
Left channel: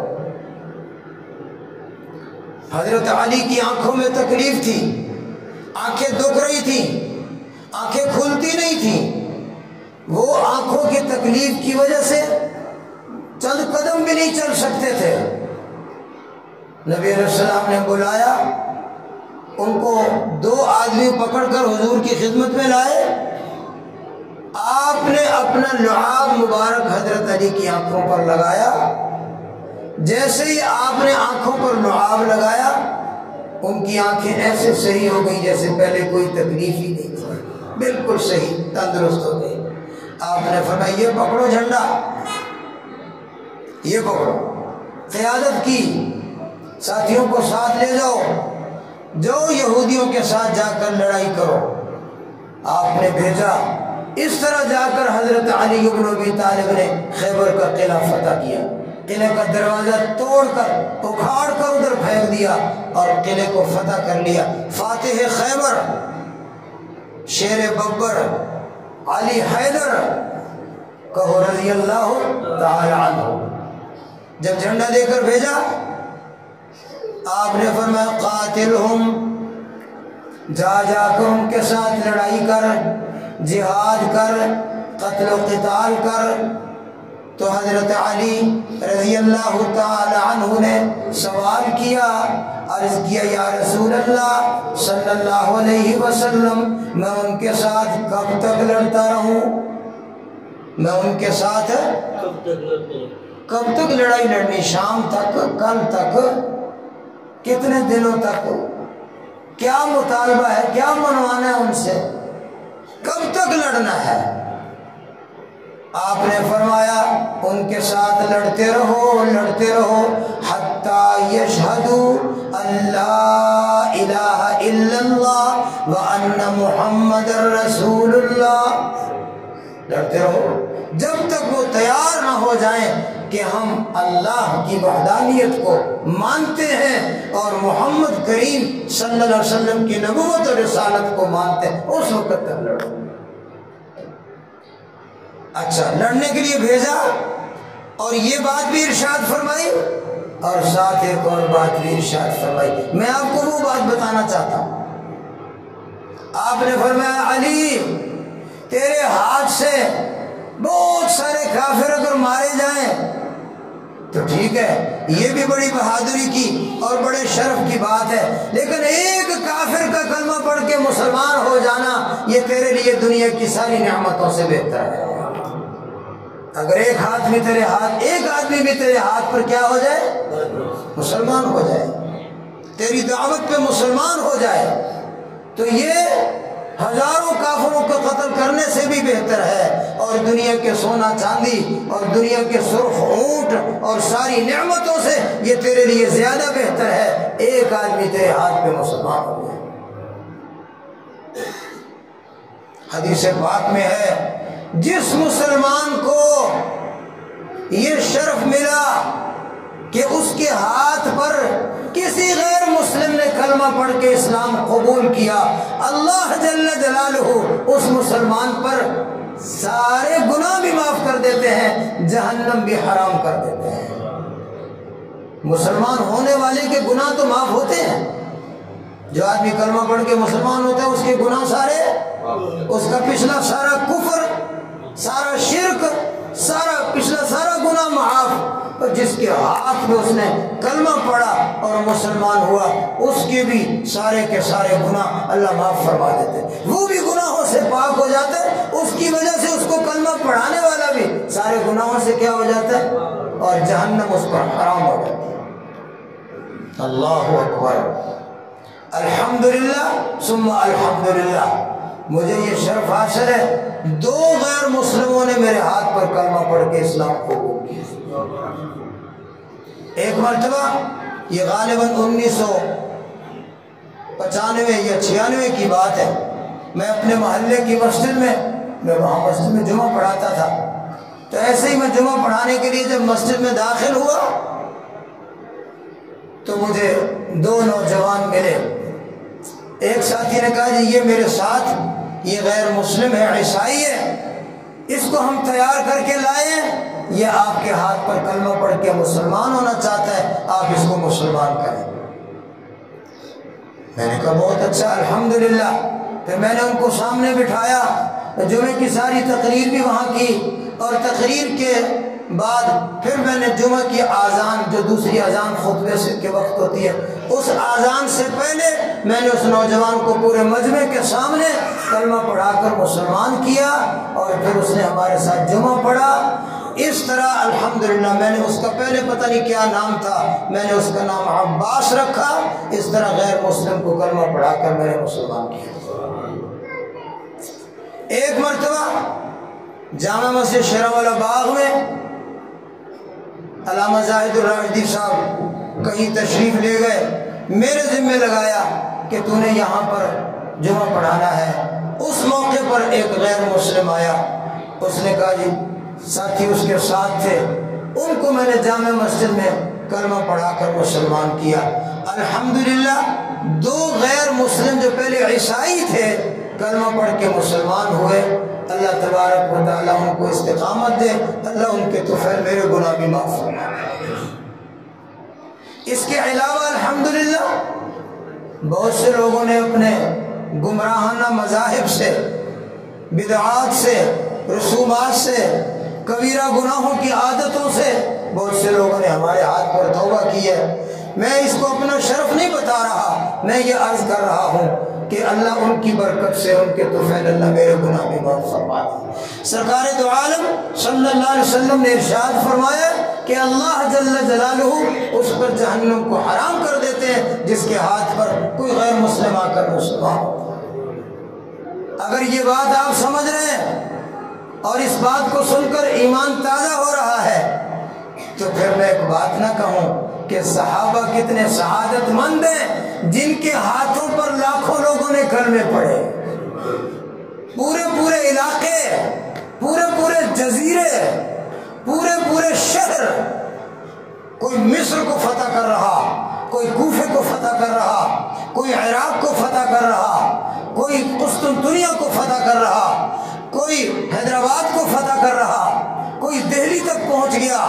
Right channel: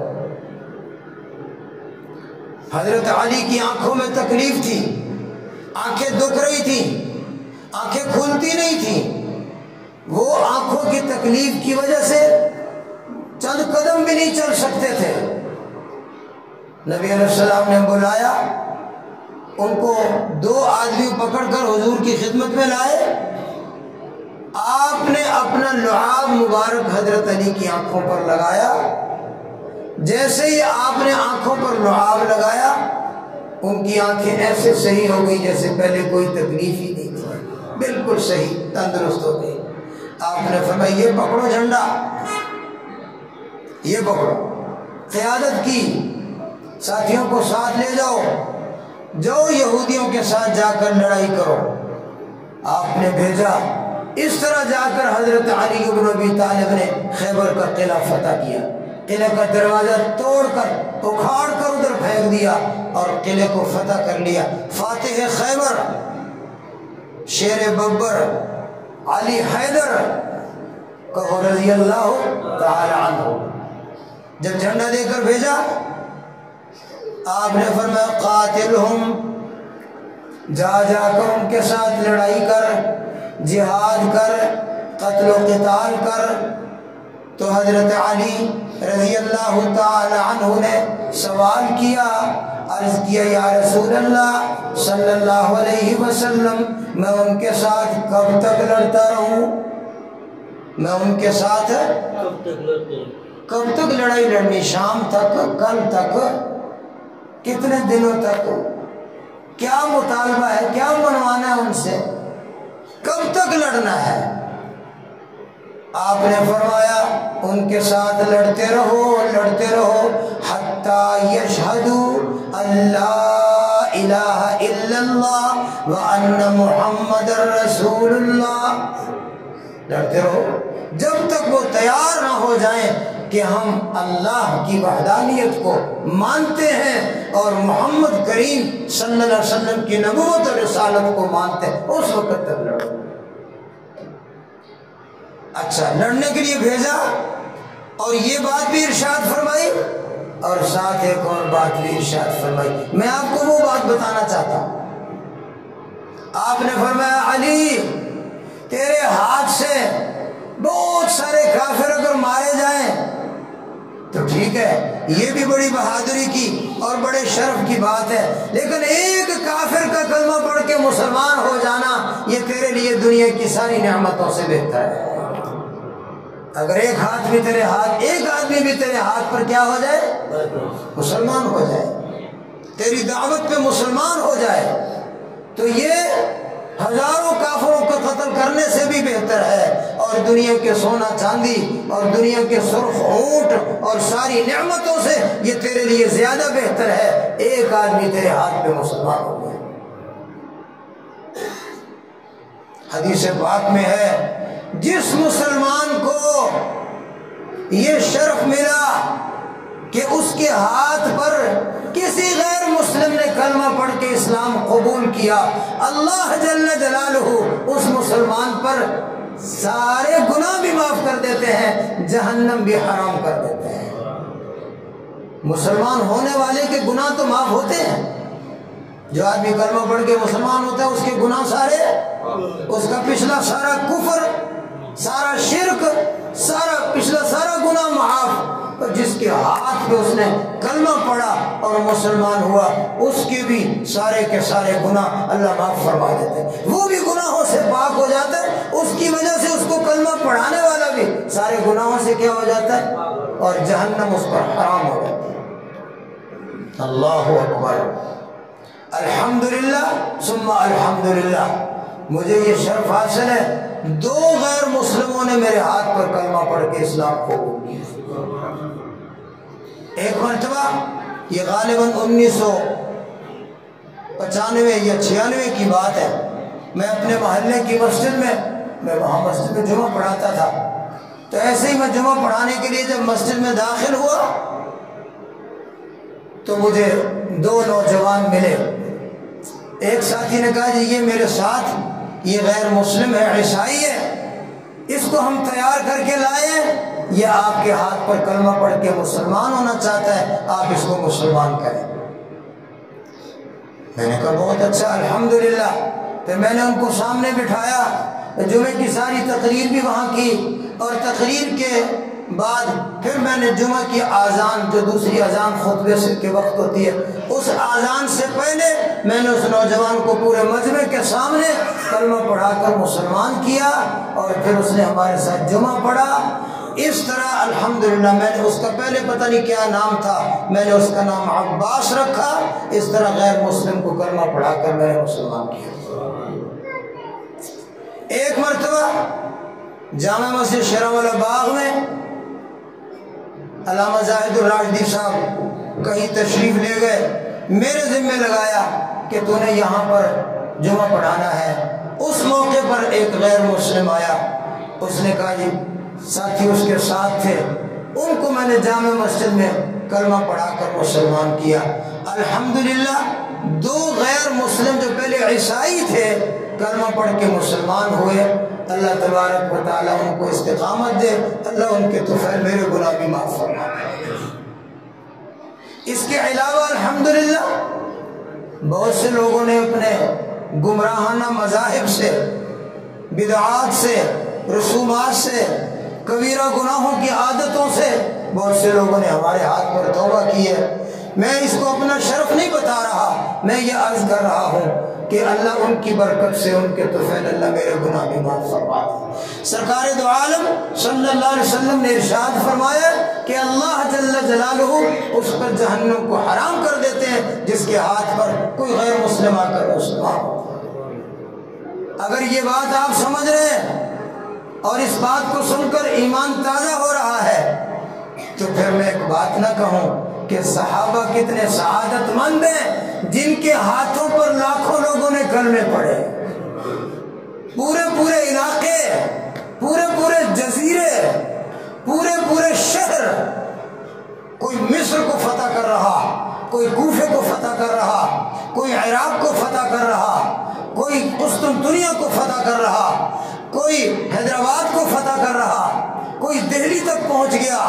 حضرت علی کی آنکھوں میں تکلیف تھی، آنکھیں دکھ رہی تھیں، آنکھیں کھلتی نہیں تھیں، وہ آنکھوں کی تکلیف کی وجہ سے چند قدم بھی نہیں چل سکتے تھے۔ نبی علیہ السلام نے بلایا ان کو، 2 آدمی پکڑ کر حضور کی خدمت میں لائے، آپ نے اپنا لعاب مبارک حضرت علی کی آنکھوں پر لگایا، جیسے ہی آپ نے آنکھوں پر لعاب لگایا ان کی آنکھیں ایسے صحیح ہو گئی جیسے پہلے کوئی تکلیف ہی نہیں تھی، بالکل صحیح تندرست ہو گئی۔ آپ نے فرمایا یہ پکڑو جھنڈا، یہ پکڑو، قیادت کی، ساتھیوں کو ساتھ لے جاؤ، جاؤ یہودیوں کے ساتھ جا کر لڑائی کرو۔ آپ نے بھیجا، اس طرح جا کر حضرت علی بن ابی طالب نے خیبر کا قلعہ فتح کیا، قلعے کا دروازہ توڑ کر اکھاڑ کر ادھر پھینک دیا اور قلعے کو فتح کر لیا۔ فاتح خیبر، شیر ببر، علی حیدر کہو رضی اللہ تعالی عنہ۔ جب جھنڈا دے کر بھیجا آپ نے فرمایا قاتلہم، جا جا کر ان کے ساتھ لڑائی کر، جہاد کر، قتل و قتال کر، تو حضرت علی رضی اللہ تعالی عنہ نے سوال کیا، عرض کیا یا رسول اللہ صلی اللہ علیہ وسلم، میں ان کے ساتھ کب تک لڑتا رہوں؟ میں ان کے ساتھ کب تک لڑائی لڑنی؟ شام تک، کل تک، کتنے دنوں تک؟ کیا مطالبہ ہے، کیا منوانا ہے ان سے، کب تک لڑنا ہے؟ آپ نے فرمایا ان کے ساتھ لڑتے رہو، لڑتے رہو، حتی یشہدوا اللہ الہ الا اللہ وان محمد رسول اللہ، لڑتے رہو جب تک وہ تیار نہ ہو جائیں کہ ہم اللہ کی وحدانیت کو مانتے ہیں اور محمد کریم صلی اللہ علیہ وسلم کی نبوت اور رسالت کو مانتے ہیں، اس وقت تک لڑو۔ اچھا، لڑنے کے لیے بھیجا اور یہ بات بھی ارشاد فرمائی، اور ساتھ ایک اور بات بھی ارشاد فرمائی۔ میں آپ کو وہ بات بتانا چاہتا ہوں۔ آپ نے فرمایا علی تیرے ہاتھ سے بہت سارے کافر اگر مارے جائیں تو ٹھیک ہے، یہ بھی بڑی بہادری کی اور بڑے شرف کی بات ہے، لیکن ایک کافر کا کلمہ پڑھ کے مسلمان ہو جانا یہ تیرے لیے دنیا کی ساری نعمتوں سے بہتر ہے۔ اگر ایک آدمی بھی تیرے ہاتھ پر کیا ہو جائے؟ مسلمان ہو جائے، تیری دعوت پہ مسلمان ہو جائے، تو یہ ہزاروں کافروں کو قتل کرنے سے بھی بہتر ہے، اور دنیا کے سونا چاندی اور دنیا کے سرخ اونٹ اور ساری نعمتوں سے یہ تیرے لیے زیادہ بہتر ہے ایک آدمی تیرے ہاتھ پہ مسلمان ہو جائے۔ حدیث پاک میں ہے جس مسلمان کو یہ شرف ملا کہ اس کے ہاتھ پر کسی غیر مسلم نے کلمہ پڑھ کے اسلام قبول کیا، اللہ جل جلالہ اس مسلمان پر سارے گناہ بھی معاف کر دیتے ہیں، جہنم بھی حرام کر دیتے ہیں۔ مسلمان ہونے والے کے گناہ تو معاف ہوتے ہیں، جو آدمی کلمہ پڑھ کے مسلمان ہوتا ہے اس کے گناہ سارے، اس کا پچھلا سارا کفر، سارا شرک، پچھلا سارا گناہ معاف۔ اور جس کے ہاتھ میں اس نے کلمہ پڑھا اور مسلمان ہوا اس کے بھی سارے کے سارے گناہ اللہ معاف فرما دیتے ہیں، وہ بھی گناہوں سے پاک ہو جاتا ہے، اس کی وجہ سے اس کو کلمہ پڑھانے والا بھی سارے گناہوں سے کیا ہو جاتا ہے، اور جہنم اس پر حرام ہو جاتی ہے۔ اللہ اکبر، الحمدللہ ثم الحمدللہ، مجھے یہ شرف حاصل ہے 2 غیر مسلموں نے میرے ہاتھ پر کلمہ پڑھ کے اسلام قبول کیا۔ ایک مرتبہ، یہ غالباً 1995 یا 96 کی بات ہے، میں اپنے محلے کی مسجد میں وہاں مسجد میں جمعہ پڑھاتا تھا، تو ایسے ہی میں جمعہ پڑھانے کے لیے جب مسجد میں داخل ہوا تو مجھے 2 نوجوان ملے۔ ایک ساتھی نے کہا جی یہ میرے ساتھ یہ غیر مسلم ہے، عیسائی ہے، اس کو ہم تیار کر کے لائے ہیں، یہ آپ کے ہاتھ پر کلمہ پڑھ کے مسلمان ہونا چاہتا ہے، آپ اس کو مسلمان کریں۔ میں نے کہا بہت اچھا، الحمدللہ۔ پھر میں نے ان کو سامنے بٹھایا، جمعے کی ساری تقریر بھی وہاں کی، اور تقریر کے بعد پھر میں نے جمعہ کی آذان، جو دوسری آذان خطبے سے کے وقت ہوتی ہے، اس آذان سے پہلے میں نے اس نوجوان کو پورے مجمع کے سامنے کلمہ پڑھا کر مسلمان کیا، اور پھر اس نے ہمارے ساتھ جمعہ پڑھا۔ اس طرح الحمدللہ میں نے اس کا پہلے پتہ نہیں کیا نام تھا، میں نے اس کا نام عباس رکھا، اس طرح غیر مسلم کو کلمہ پڑھا کر میں نے مسلمان کیا۔ ایک مرتبہ جامع مسجد شیراوالا باغ میں علامہ زاہد الراشدی صاحب کہیں تشریف لے گئے، میرے ذمہ لگایا کہ تو نے یہاں پر جمعہ پڑھانا ہے۔ اس موقع پر ایک غیر مسلم آیا، اس نے کہا جی ساتھی اس کے ساتھ تھے، ان کو میں نے جامع مسجد میں کلمہ پڑھا کر مسلمان کیا۔ الحمدللہ 2 غیر مسلم جو پہلے عیسائی تھے کلمہ پڑھ کے مسلمان ہوئے۔ اللہ تبارک و تعالیٰ ان کو استقامت دے، اللہ ان کے طفیل میرے گناہ بھی معاف فرمائے۔ اس کے علاوہ الحمدللہ بہت سے لوگوں نے اپنے گمراہانہ مذاہب سے، بدعات سے، رسومات سے کبیرہ گناہوں کی عادتوں سے بہت سے لوگوں نے ہمارے ہاتھ پر توبہ کی ہے۔ میں اس کو اپنا شرف نہیں بتا رہا، میں یہ عرض کر رہا ہوں کہ اللہ ان کی برکت سے، ان کے طفیل اللہ میرے گناہ بھی معاف فرما دے۔ سرکار دو عالم صلی اللہ علیہ وسلم نے ارشاد فرمایا کہ اللہ جل جلالہ اس پر جہنم کو حرام کر دیتے ہیں جس کے ہاتھ پر کوئی غیر مسلم آ کر مسلمان ہو۔ اگر یہ بات آپ سمجھ رہے ہیں اور اس بات کو سن کر ایمان تازہ ہو رہا ہے تو پھر میں ایک بات نہ کہوں کہ صحابہ کتنے سعادت مند ہیں جن کے ہاتھوں پر لاکھوں لوگوں نے کلمے پڑھے۔ پورے علاقے، پورے جزیرے، پورے شہر، کوئی مصر کو فتح کر رہا، کوئی کوفے کو فتح کر رہا، کوئی عراق کو فتح کر رہا، کوئی قسطنطنیہ کو فتح کر رہا، کوئی حیدرآباد کو فتح کر رہا، کوئی دہلی تک پہنچ گیا۔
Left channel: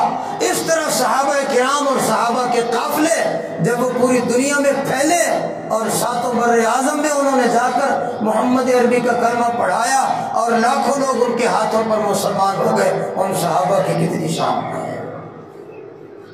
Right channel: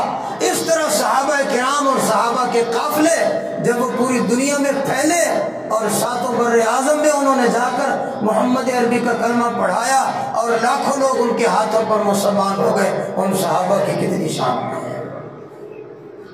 اس طرح صحابہ کرام اور صحابہ کے قافلے جب وہ پوری دنیا میں پھیلے اور ساتوں بر اعظم میں انہوں نے جا کر محمد عربی کا کلمہ پڑھایا اور لاکھوں لوگ ان کے ہاتھوں پر مسلمان ہو گئے، ان صحابہ کی کتنی شان ہے۔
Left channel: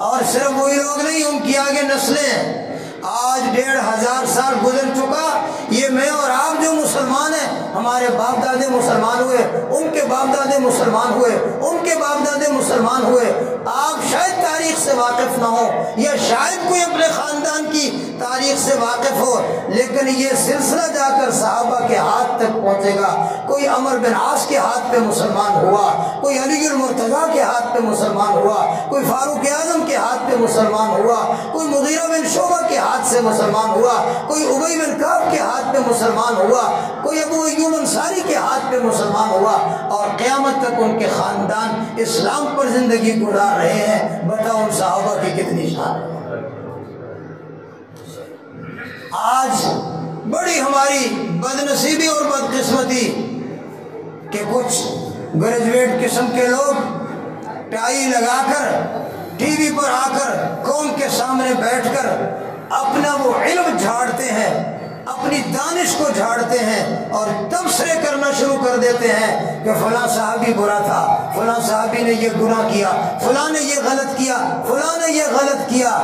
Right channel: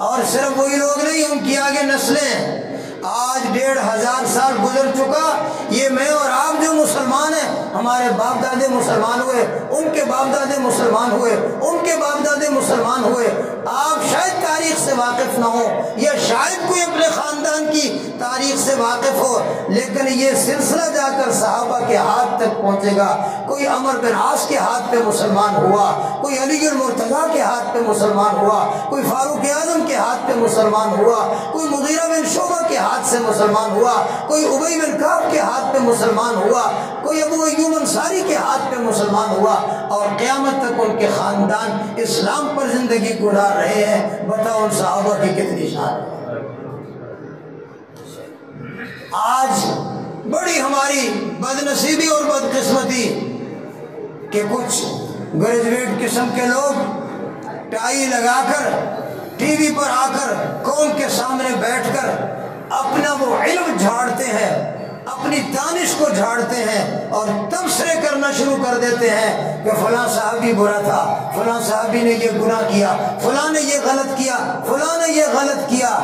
اور صرف وہی لوگ نہیں، ان کی آگے نسلیں۔ آج 1500 سال گزر چکا، یہ میں اور آپ جو مسلمان ہیں، ہمارے باپ دادے مسلمان ہوئے، ان کے باپ دادے مسلمان ہوئے، ان کے باپ دادے مسلمان ہوئے۔ آپ شاید تاریخ سے واقف نہ ہو یا شاید کوئی اپنے خاندان کی تاریخ سے واقف ہو، لیکن یہ سلسلہ جا کر صحابہ کے ہاتھ تک پہنچے گا۔ کوئی عمر بن عاص کے ہاتھ پہ مسلمان ہوا، کوئی علی المرتضیٰ کے ہاتھ پہ مسلمان ہوا، کوئی فاروق اعظم کے ہاتھ پہ مسلمان ہوا، کوئی مغیرہ بن شعبہ کے ہاتھ سے مسلمان ہوا، کوئی ابی بن کعب کے ہاتھ پہ مسلمان ہوا، کوئی ابو ایوب انصاری کے ہاتھ پہ مسلمان ہوا، اور قیامت تک ان کے خاندان اسلام پر زندگی گزار رہے ہیں۔ بتاؤ ان صحابہ کی کتنی شان ہے۔ آج بڑی ہماری بدنصیبی اور بدقسمتی کہ کچھ گریجویٹ قسم کے لوگ ٹائی لگا کر ٹی وی پر آ کر قوم کے سامنے بیٹھ کر اپنا وہ علم جھاڑتے ہیں، اپنی دانش کو جھاڑتے ہیں اور تبصرے کرنا شروع کر دیتے ہیں کہ فلاں صحابی برا تھا، فلاں صحابی نے یہ گناہ کیا، فلاں نے یہ غلط کیا، فلاں نے یہ غلط کیا۔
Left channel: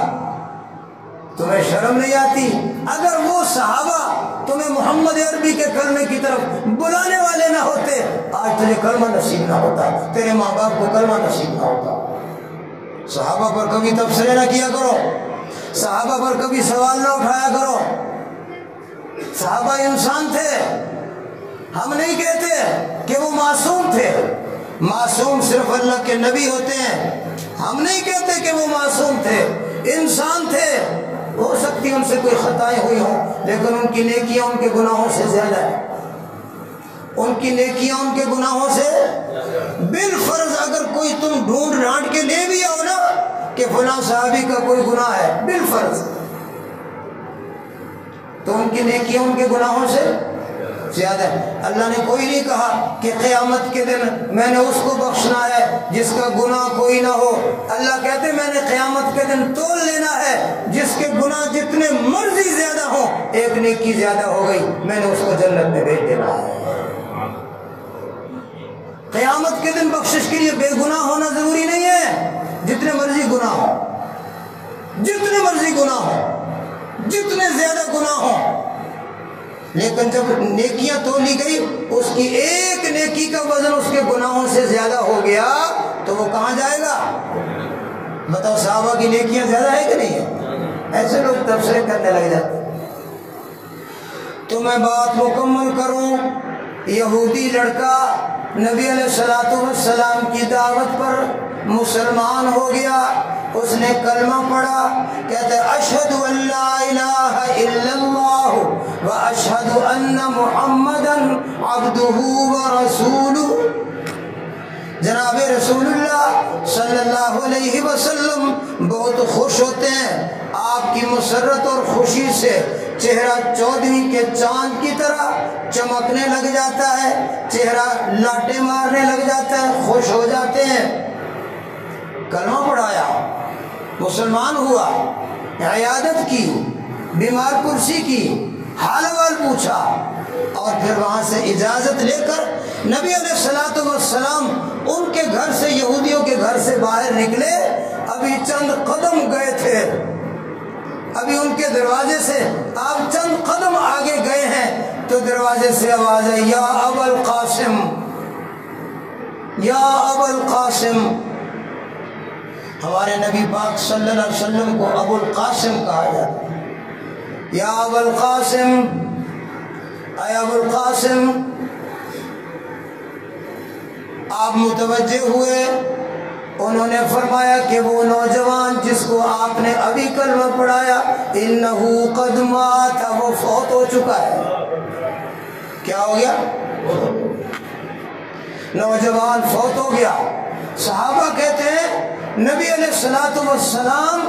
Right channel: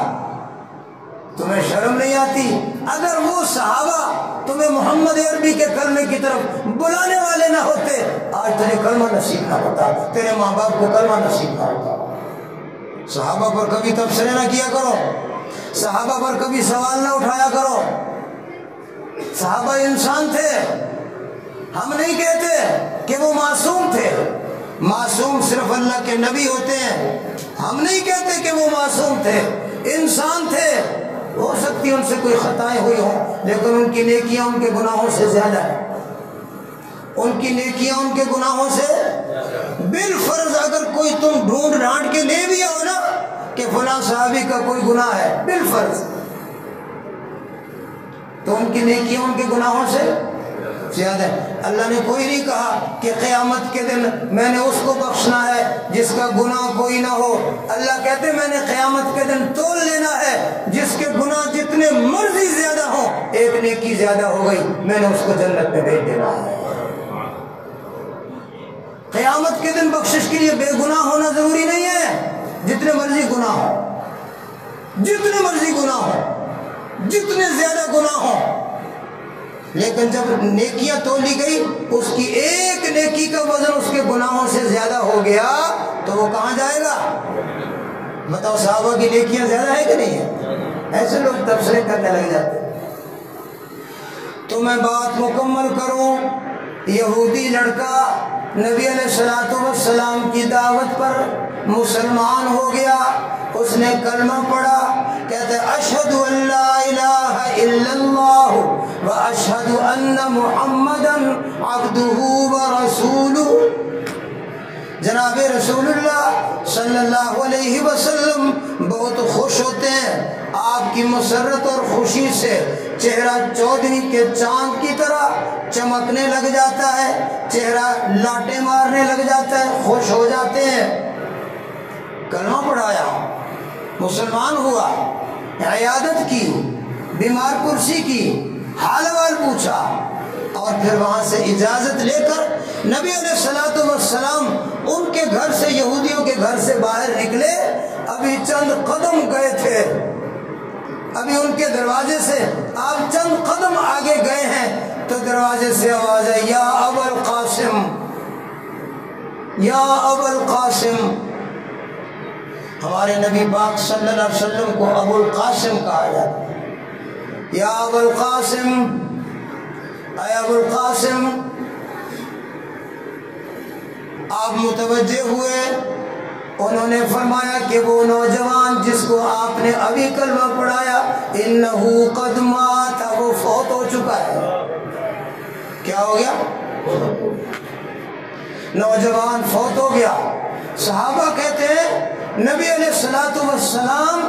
تمہیں شرم نہیں آتی؟ اگر وہ صحابہ تمہیں محمد عربی کے کلمے کی طرف بلانے والے نہ ہوتے، آج تجھے کلمہ نصیب نہ ہوتا، تیرے ماں باپ کو کلمہ نصیب نہ ہوتا۔ صحابہ پر کبھی تبصرے نہ کیا کرو، صحابہ پر کبھی سوال نہ اٹھایا کرو۔ صحابہ انسان تھے، ہم نہیں کہتے کہ وہ معصوم تھے، معصوم صرف اللہ کے نبی ہوتے ہیں۔ ہم نہیں کہتے کہ وہ معصوم تھے، انسان تھے، ہو سکتی ان سے کوئی خطائیں ہوئی ہوں، لیکن ان کی نیکیاں ان کے گناہوں سے زیادہ ہیں، ان کی نیکیاں ان کے گناہوں سے۔ بالفرض اگر کوئی تم ڈھونڈ ڈھانٹ کے لے بھی آؤ نا کہ فلاں صحابی کا کوئی گناہ ہے، بالفرض، تو ان کی نیکیاں ان کے گناہوں سے زیادہ ہے۔ اللہ نے کوئی نہیں کہا کہ قیامت کے دن میں نے اس کو بخشنا ہے جس کا گناہ کوئی نہ ہو۔ اللہ کہتے میں نے قیامت کے دن تول لینا ہے، جس کے گناہ جتنے مرضی زیادہ ہوں، ایک نیکی زیادہ ہو گئی، میں نے اس کو جنت میں بھیج دینا ہے۔ قیامت کے دن بخشش کے لیے بے گناہ ہونا ضروری نہیں ہے، جتنے مرضی گناہ ہو، جتنے مرضی گناہ ہو، جتنے زیادہ گناہ ہوں، لیکن جب نیکیاں تولی گئی، اس کی ایک نیکی کا وزن اس کے گناہوں سے زیادہ ہو گیا تو وہ کہاں جائے گا؟ بتاؤ، صحابہ کی نیکیاں زیادہ ہے کہ نہیں ہے؟ ایسے لوگ تبصرے کرنے لگ جاتے ہیں۔ تو میں بات مکمل کروں، یہودی لڑکا نبی علیہ الصلوۃ والسلام کی دعوت پر مسلمان ہو گیا، اس نے کلمہ پڑھا، کہتے اشہد ان لا الہ الا اللہ واشہد ان محمدا عبدہ ورسولہ۔ جناب رسول اللہ صلی اللہ علیہ وسلم بہت خوش ہوتے ہیں، آپ کی مسرت اور خوشی سے چہرہ 14ویں کے چاند کی طرح چمکنے لگ جاتا ہے، چہرہ لاٹیں مارنے لگ جاتا ہے، خوش ہو جاتے ہیں۔ کلمہ پڑھایا، مسلمان ہوا، عیادت کی، بیمار پرسی کی، حال احوال پوچھا، اور پھر وہاں سے اجازت لے کر نبی علیہ الصلوۃ والسلام ان کے گھر سے، یہودیوں کے گھر سے باہر نکلے، ابھی چند قدم گئے تھے، ابھی ان کے دروازے سے آپ چند قدم آگے گئے ہیں تو دروازے سے آواز ہے، یا ابا القاسم، یا ابا القاسم۔ ہمارے نبی پاک صلی اللہ علیہ وسلم کو ابو القاسم کہا جاتا ہے، یا ابا القاسم، اے ابو القاسم۔ آپ متوجہ ہوئے، انہوں نے فرمایا کہ وہ نوجوان جس کو آپ نے ابھی کلمہ پڑھایا، انہو قد مات، وہ فوت ہو چکا ہے۔ کیا ہو گیا؟ نوجوان فوت ہو گیا۔ صحابہ کہتے ہیں نبی علیہ الصلوۃ والسلام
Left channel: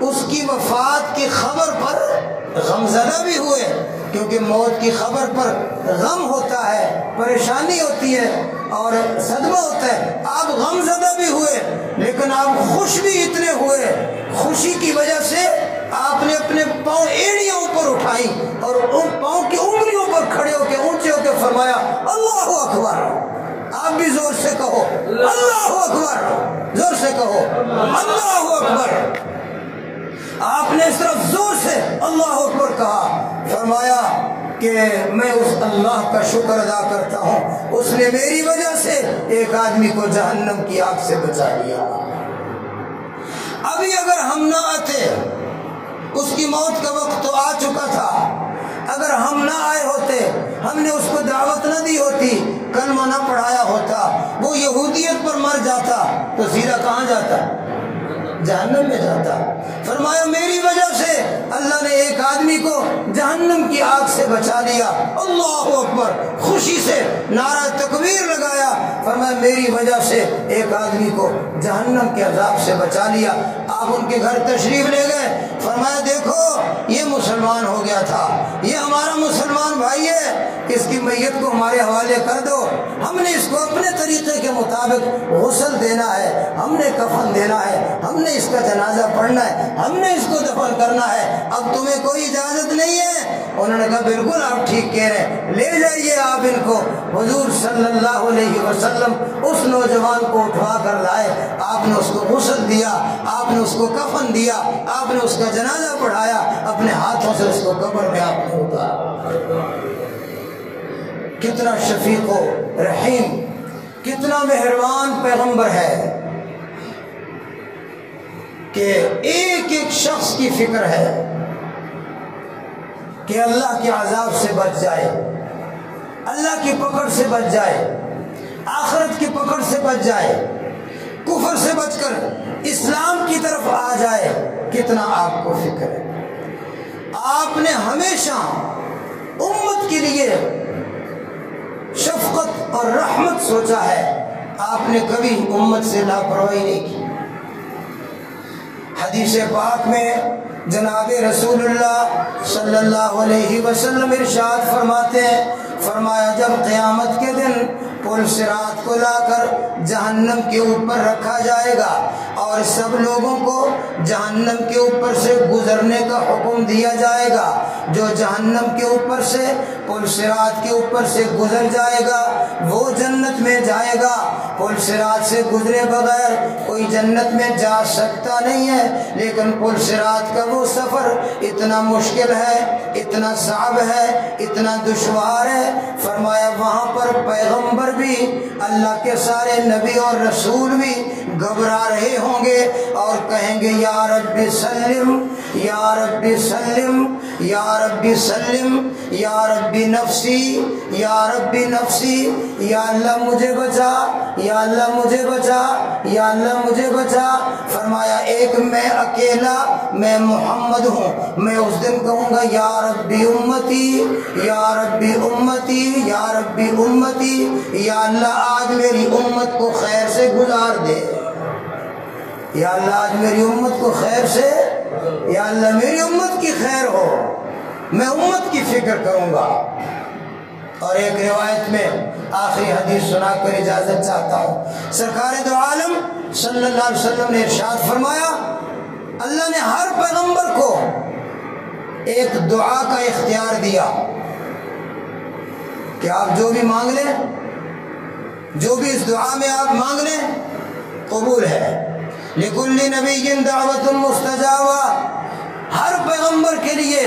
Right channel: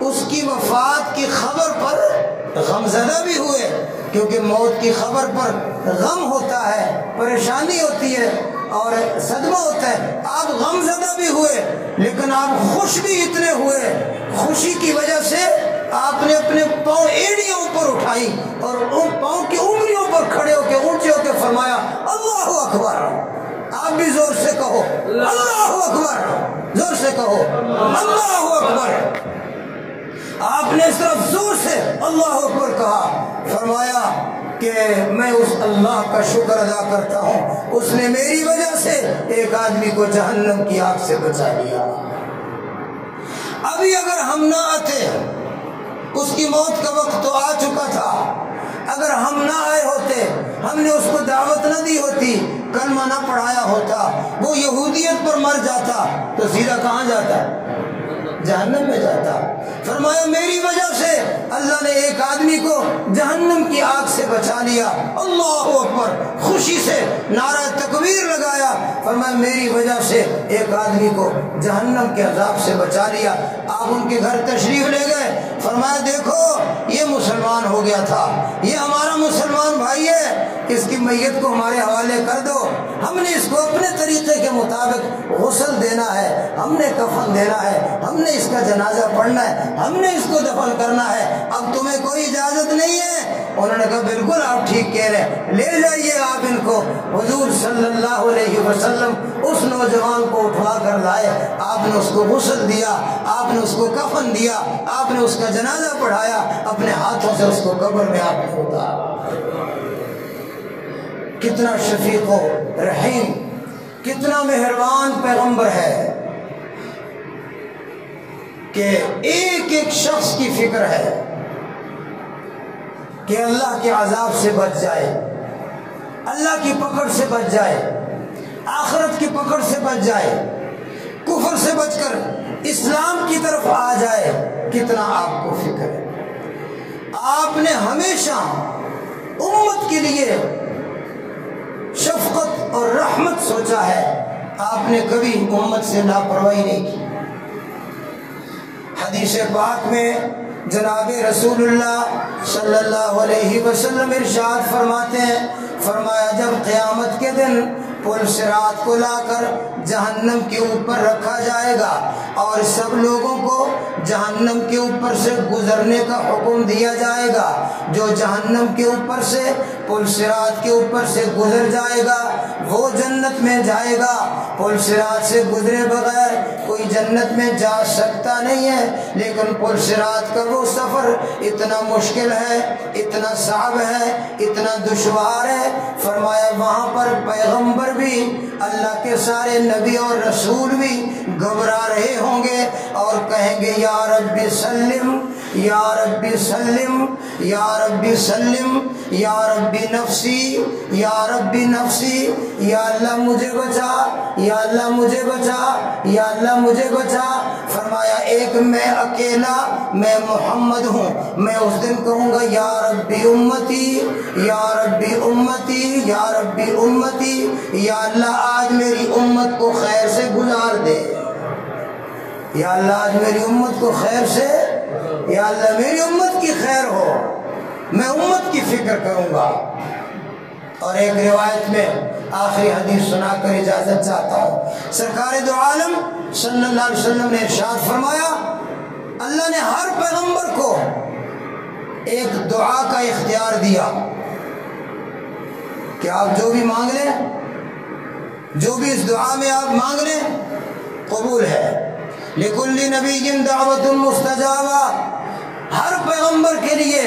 اس کی وفات کی خبر پر غمزدہ بھی ہوئے، کیونکہ موت کی خبر پر غم ہوتا ہے، پریشانی ہوتی ہے اور صدمہ ہوتا ہے۔ آپ غمزدہ بھی ہوئے، لیکن آپ خوش بھی اتنے ہوئے، خوشی کی وجہ سے آپ نے اپنے پاؤں ایڑیاں اوپر اٹھائیں اور ان پاؤں کی انگلیوں پر کھڑے ہو کے اونچے ہو کے فرمایا، اللہ اکبر۔ آپ بھی زور سے کہو اللہ اکبر، زور سے کہو اللہ اکبر۔ آپ نے اس طرح زور سے اللہ اکبر کہا، فرمایا کہ میں اس اللہ کا شکر ادا کرتا ہوں، اس نے میری وجہ سے ایک آدمی کو جہنم کی آگ سے بچا لیا۔ ابھی اگر ہم نہ آتے، اس کی موت کا وقت تو آ چکا تھا، اگر ہم نہ آئے ہوتے، ہم نے اس کو دعوت نہ دی ہوتی، کلمہ نہ پڑھایا ہوتا، وہ یہودیت پر مر جاتا تو سیدھا کہاں جاتا؟ جہنم میں جاتا۔ فرمایا میری وجہ سے اللہ نے ایک آدمی کو جہنم کی آگ سے بچا لیا۔ اللہ اکبر، خوشی سے نعرہ تکبیر لگایا، فرمایا میری وجہ سے ایک آدمی کو جہنم کے عذاب سے بچا لیا۔ آپ ان کے گھر تشریف لے گئے، فرمایا دیکھو یہ مسلمان ہو گیا تھا، یہ ہمارا مسلمان بھائی ہے، اس کی میت کو ہمارے حوالے کر دو، ہم نے اس کو اپنے طریقے کے مطابق غسل دینا ہے، ہم نے کفن دینا ہے، ہم نے اس کا جنازہ پڑھنا ہے، ہم نے اس کو دفن کرنا ہے، اب تمہیں کوئی اجازت نہیں ہے۔ انہوں نے کہا بالکل آپ ٹھیک کہہ رہے ہیں، لے جائیے آپ ان کو۔ حضور صلی اللہ علیہ وسلم اس نوجوان کو اٹھوا کر لائے، آپ نے اس کو غسل دیا، آپ نے اس کو کفن دیا، آپ نے اس کا جنازہ پڑھایا، اپنے ہاتھوں سے اس کو قبر میں آپ نے اتارا۔ کتنا شفیق و رحیم، کتنا مہربان پیغمبر ہے کہ ایک ایک شخص کی فکر ہے کہ اللہ کے عذاب سے بچ جائے، اللہ کی پکڑ سے بچ جائے، آخرت کی پکڑ سے بچ جائے، کفر سے بچ کر اسلام کی طرف آ جائے۔ کتنا آپ کو فکر ہے۔ آپ نے ہمیشہ امت کے لیے شفقت اور رحمت سوچا ہے، آپ نے کبھی امت سے لاپرواہی نہیں کی۔ حدیث پاک میں جناب رسول اللہ صلی اللہ علیہ وسلم ارشاد فرماتے ہیں، فرمایا جب قیامت کے دن پل صراط کو لا کر جہنم کے اوپر رکھا جائے گا اور سب لوگوں کو جہنم کے اوپر سے گزرنے کا حکم دیا جائے گا، جو جہنم کے اوپر سے پل صراط کے اوپر سے گزر جائے گا وہ جنت میں جائے گا۔ پل صراط سے گزرے بغیر کوئی جنت میں جا سکتا نہیں ہے، لیکن پل صراط کا وہ سفر اتنا مشکل ہے، اتنا صعب ہے، اتنا دشوار ہے، فرمایا وہاں پر پیغمبر بھی، اللہ کے سارے نبی اور رسول بھی گھبرا رہے ہوں گے اور کہیں گے یا رب سلم، یا رب سلم، یا رب سلم، یا رب نفسی، یا رب نفسی، یا اللہ مجھے بچا، یا اللہ مجھے بچا، یا اللہ مجھے بچا۔ فرمایا ایک میں اکیلا، میں محمد ہوں، میں اس دن کہوں گا یا ربی امتی، یا ربی امتی، یا ربی امتی، یا اللہ آج میری امت کو خیر سے گزار دے، یا اللہ آج میری امت کو خیر سے، یا اللہ میری امت کی خیر ہو، میں امت کی فکر کروں گا۔ اور ایک روایت میں آخری حدیث سنا کر اجازت چاہتا ہوں، سرکار دو عالم صلی اللہ علیہ وسلم نے ارشاد فرمایا، اللہ نے ہر پیغمبر کو ایک دعا کا اختیار دیا کہ آپ جو بھی مانگ لیں جو بھی اس دعا میں آپ مانگ لیں قبول ہے۔ لکل نبی دعوت مستجابہ، ہر پیغمبر کے لیے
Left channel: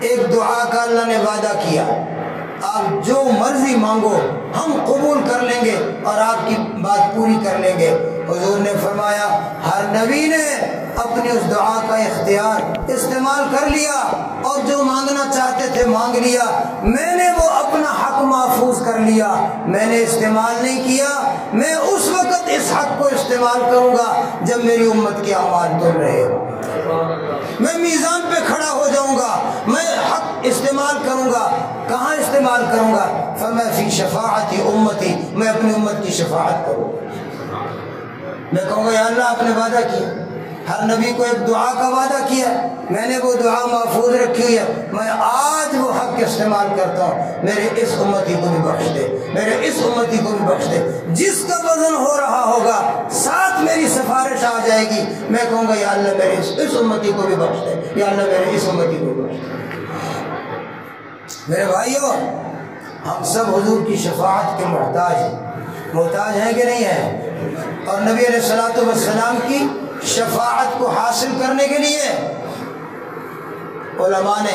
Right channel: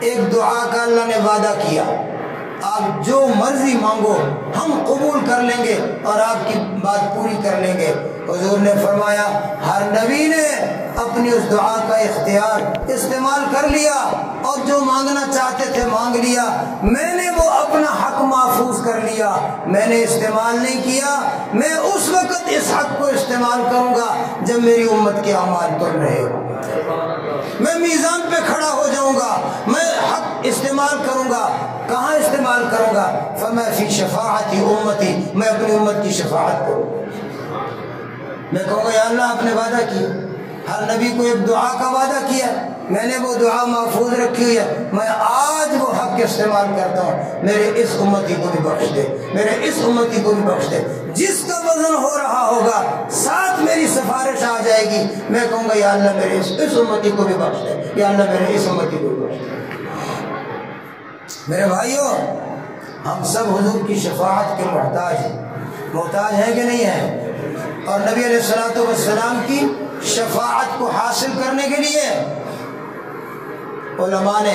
ایک دعا کا اللہ نے وعدہ کیا، آپ جو مرضی مانگو ہم قبول کر لیں گے اور آپ کی بات پوری کر لیں گے۔ حضور نے فرمایا ہر نبی نے اپنی اس دعا کا اختیار استعمال کر لیا اور جو مانگنا چاہتے تھے مانگ لیا، میں نے وہ اپنا حق محفوظ کر لیا، میں نے استعمال نہیں کیا۔ میں اس وقت اس حق کو استعمال کروں گا جب میری امت کے اعمال تل رہے ہو، میں میزان پہ کھڑا ہو جاؤں گا، میں حق استعمال کروں گا۔ کہاں استعمال کروں گا؟ فرمایا فی شفاعت امتی، میں اپنی امت کی شفاعت کروں گا۔ میں کہوں گا یا اللہ آپ نے وعدہ کیا، ہر نبی کو ایک دعا کا وعدہ کیا، میں نے وہ دعا محفوظ رکھی ہوئی ہے، میں آج وہ حق استعمال کرتا ہوں، میرے اس امتی کو بھی بخش دے، میرے اس امتی کو بھی بخش دے۔ جس کا وزن ہو رہا ہوگا ساتھ میری سفارش آ جائے گی، میں کہوں گا یا اللہ میرے اس امتی کو بھی بخش دے، یا اللہ میرے اس امتی کو بھی بخش دے۔ میرے بھائیوں، ہم سب حضور کی شفاعت کے محتاج ہیں، محتاج ہیں کہ نہیں ہیں؟ اور نبی علیہ الصلوۃ والسلام کی شفاعت کو حاصل کرنے کے لیے علماء نے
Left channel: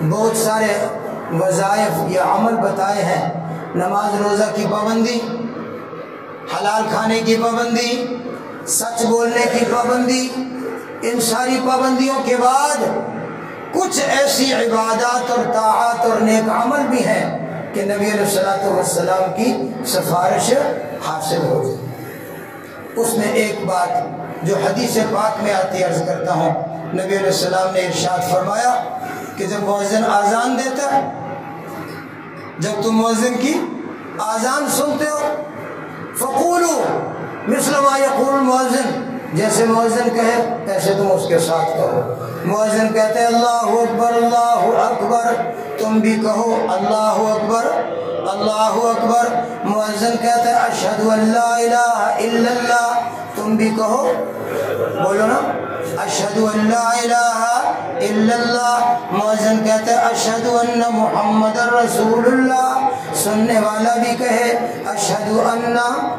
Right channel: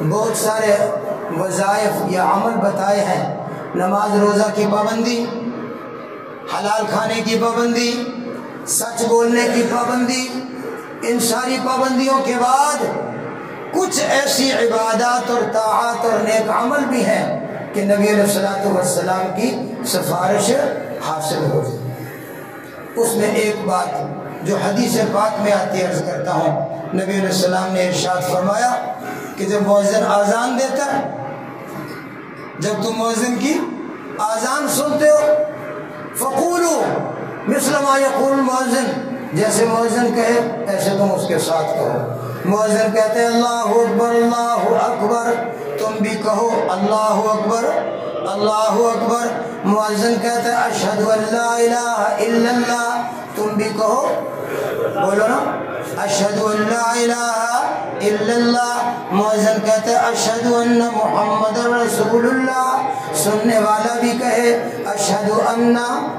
بہت سارے وظائف یا عمل بتائے ہیں۔ نماز روزہ کی پابندی، حلال کھانے کی پابندی، سچ بولنے کی پابندی، ان ساری پابندیوں کے بعد کچھ ایسی عبادات اور طاعات اور نیک عمل بھی ہیں کہ نبی علیہ الصلوۃ والسلام کی سفارش حاصل ہو جائے۔ اس میں ایک بات جو حدیث پاک میں آتی عرض کرتا ہوں، نبی علیہ السلام نے ارشاد فرمایا کہ جب مؤذن اذان دیتا ہے، جب تم مؤذن کی اذان سنتے ہو، فقولوا مثل ما یقول المؤذن، جیسے مؤذن کہے ایسے تم اس کے ساتھ کہو۔ مؤذن کہتے ہیں اللہ اکبر اللہ اکبر، تم بھی کہو اللہ اکبر اللہ اکبر۔ مؤذن کہتا ہے اشہد ان لا الہ الا اللہ، تم بھی کہو، بولو نا، اشہد ان لا الہ الا اللہ۔ مؤذن کہتا ہے اشہد ان محمد رسول اللہ، سننے والا بھی کہے اشہد ان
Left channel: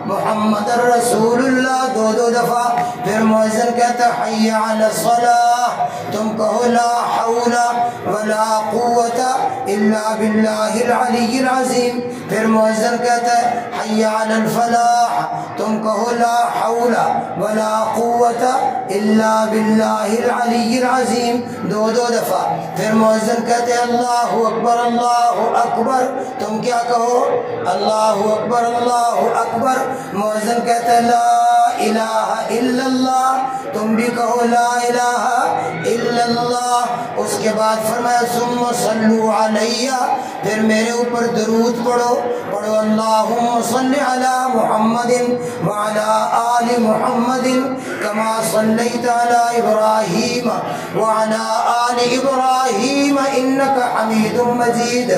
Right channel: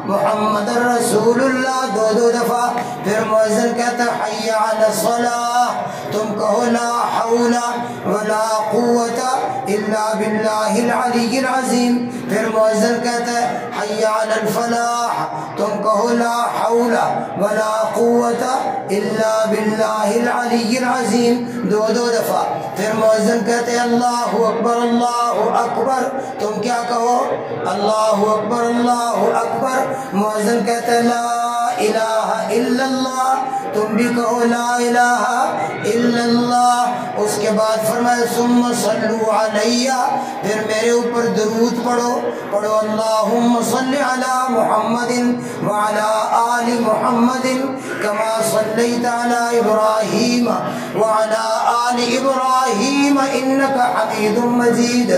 محمد رسول اللہ، دو دو دفعہ۔ پھر مؤذن کہتا ہے حی علی الصلاۃ، تم کہو لا حول ولا قوت الا باللہ العلی العظیم۔ پھر مؤذن کہتا ہے حی علی الفلاح، تم کہو لا حول ولا قوت الا باللہ العلی العظیم، دو دو دفعہ۔ پھر مؤذن کہتے ہیں اللہ اکبر اللہ اکبر، تم کیا کہو اللہ اکبر اللہ اکبر۔ مؤذن کہتا ہے لا الہ الا اللہ، تم بھی کہو لا الہ الا اللہ۔ اس کے بعد فرمایا ثم صلوا علی، پھر میرے اوپر درود پڑھو، پڑھو اللہم صلی علی محمد وعلی آل محمد کما صلیت علی ابراہیم وعلی آل ابراہیم انک حمید مجید،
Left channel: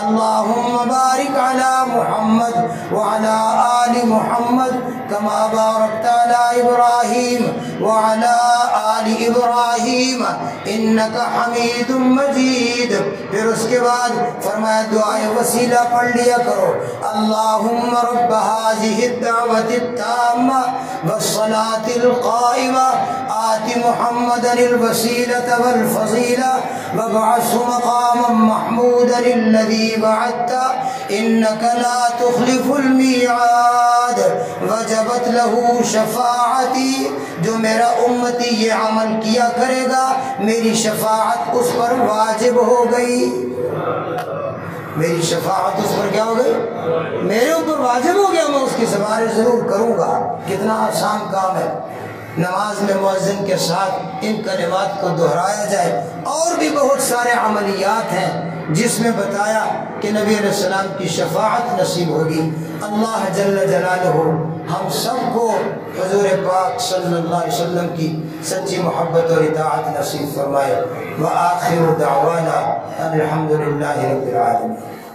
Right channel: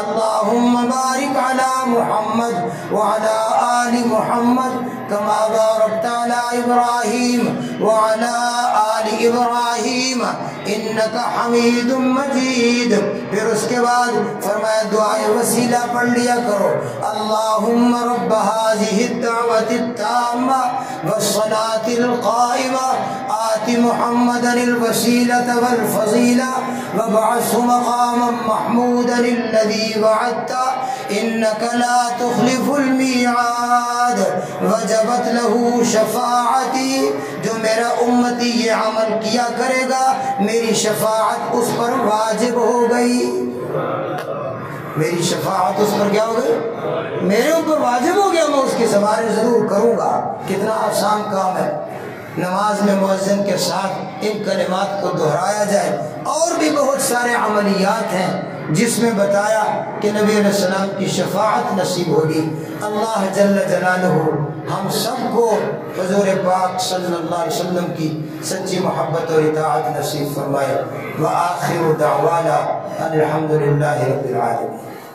اللہم بارک علی محمد وعلی آل محمد کما بارکت علی ابراہیم وعلی آل ابراہیم انک حمید مجید۔ پھر اس کے بعد فرمایا دعائے وسیلہ پڑھ لیا کرو، اللہم رب هذه الدعوة التامة والصلاة القائمة آت محمدا الوسيلة والفضيلة وابعثه مقاما محمودا الذي وعدته إنك لا تخلف الميعاد وجبت له شفاعتی، جو میرا امتی یہ عمل کیا کرے گا میری شفاعت اس پر واجب ہو گئی، میری شفاعت اس پر کیا ہو گئی، میرے اوپر واجب ہو گیا، میں اس کی سفارش ضرور کروں گا۔ کتنا آسان کام ہے، نماز میں مؤذن کے ساتھ ان کلمات کو دہرایا جائے۔ اور بھی بہت سارے عملیات ہیں جس میں بتایا کہ نبی علیہ السلام کی شفاعت نصیب ہوگی۔ اللہ جل جلالہ ہم سب کو حضور پاک صلی اللہ علیہ وسلم کی سچی محبت اور اطاعت نصیب فرمائے۔ وآخر دعوانا ان الحمد للہ رب العالمین۔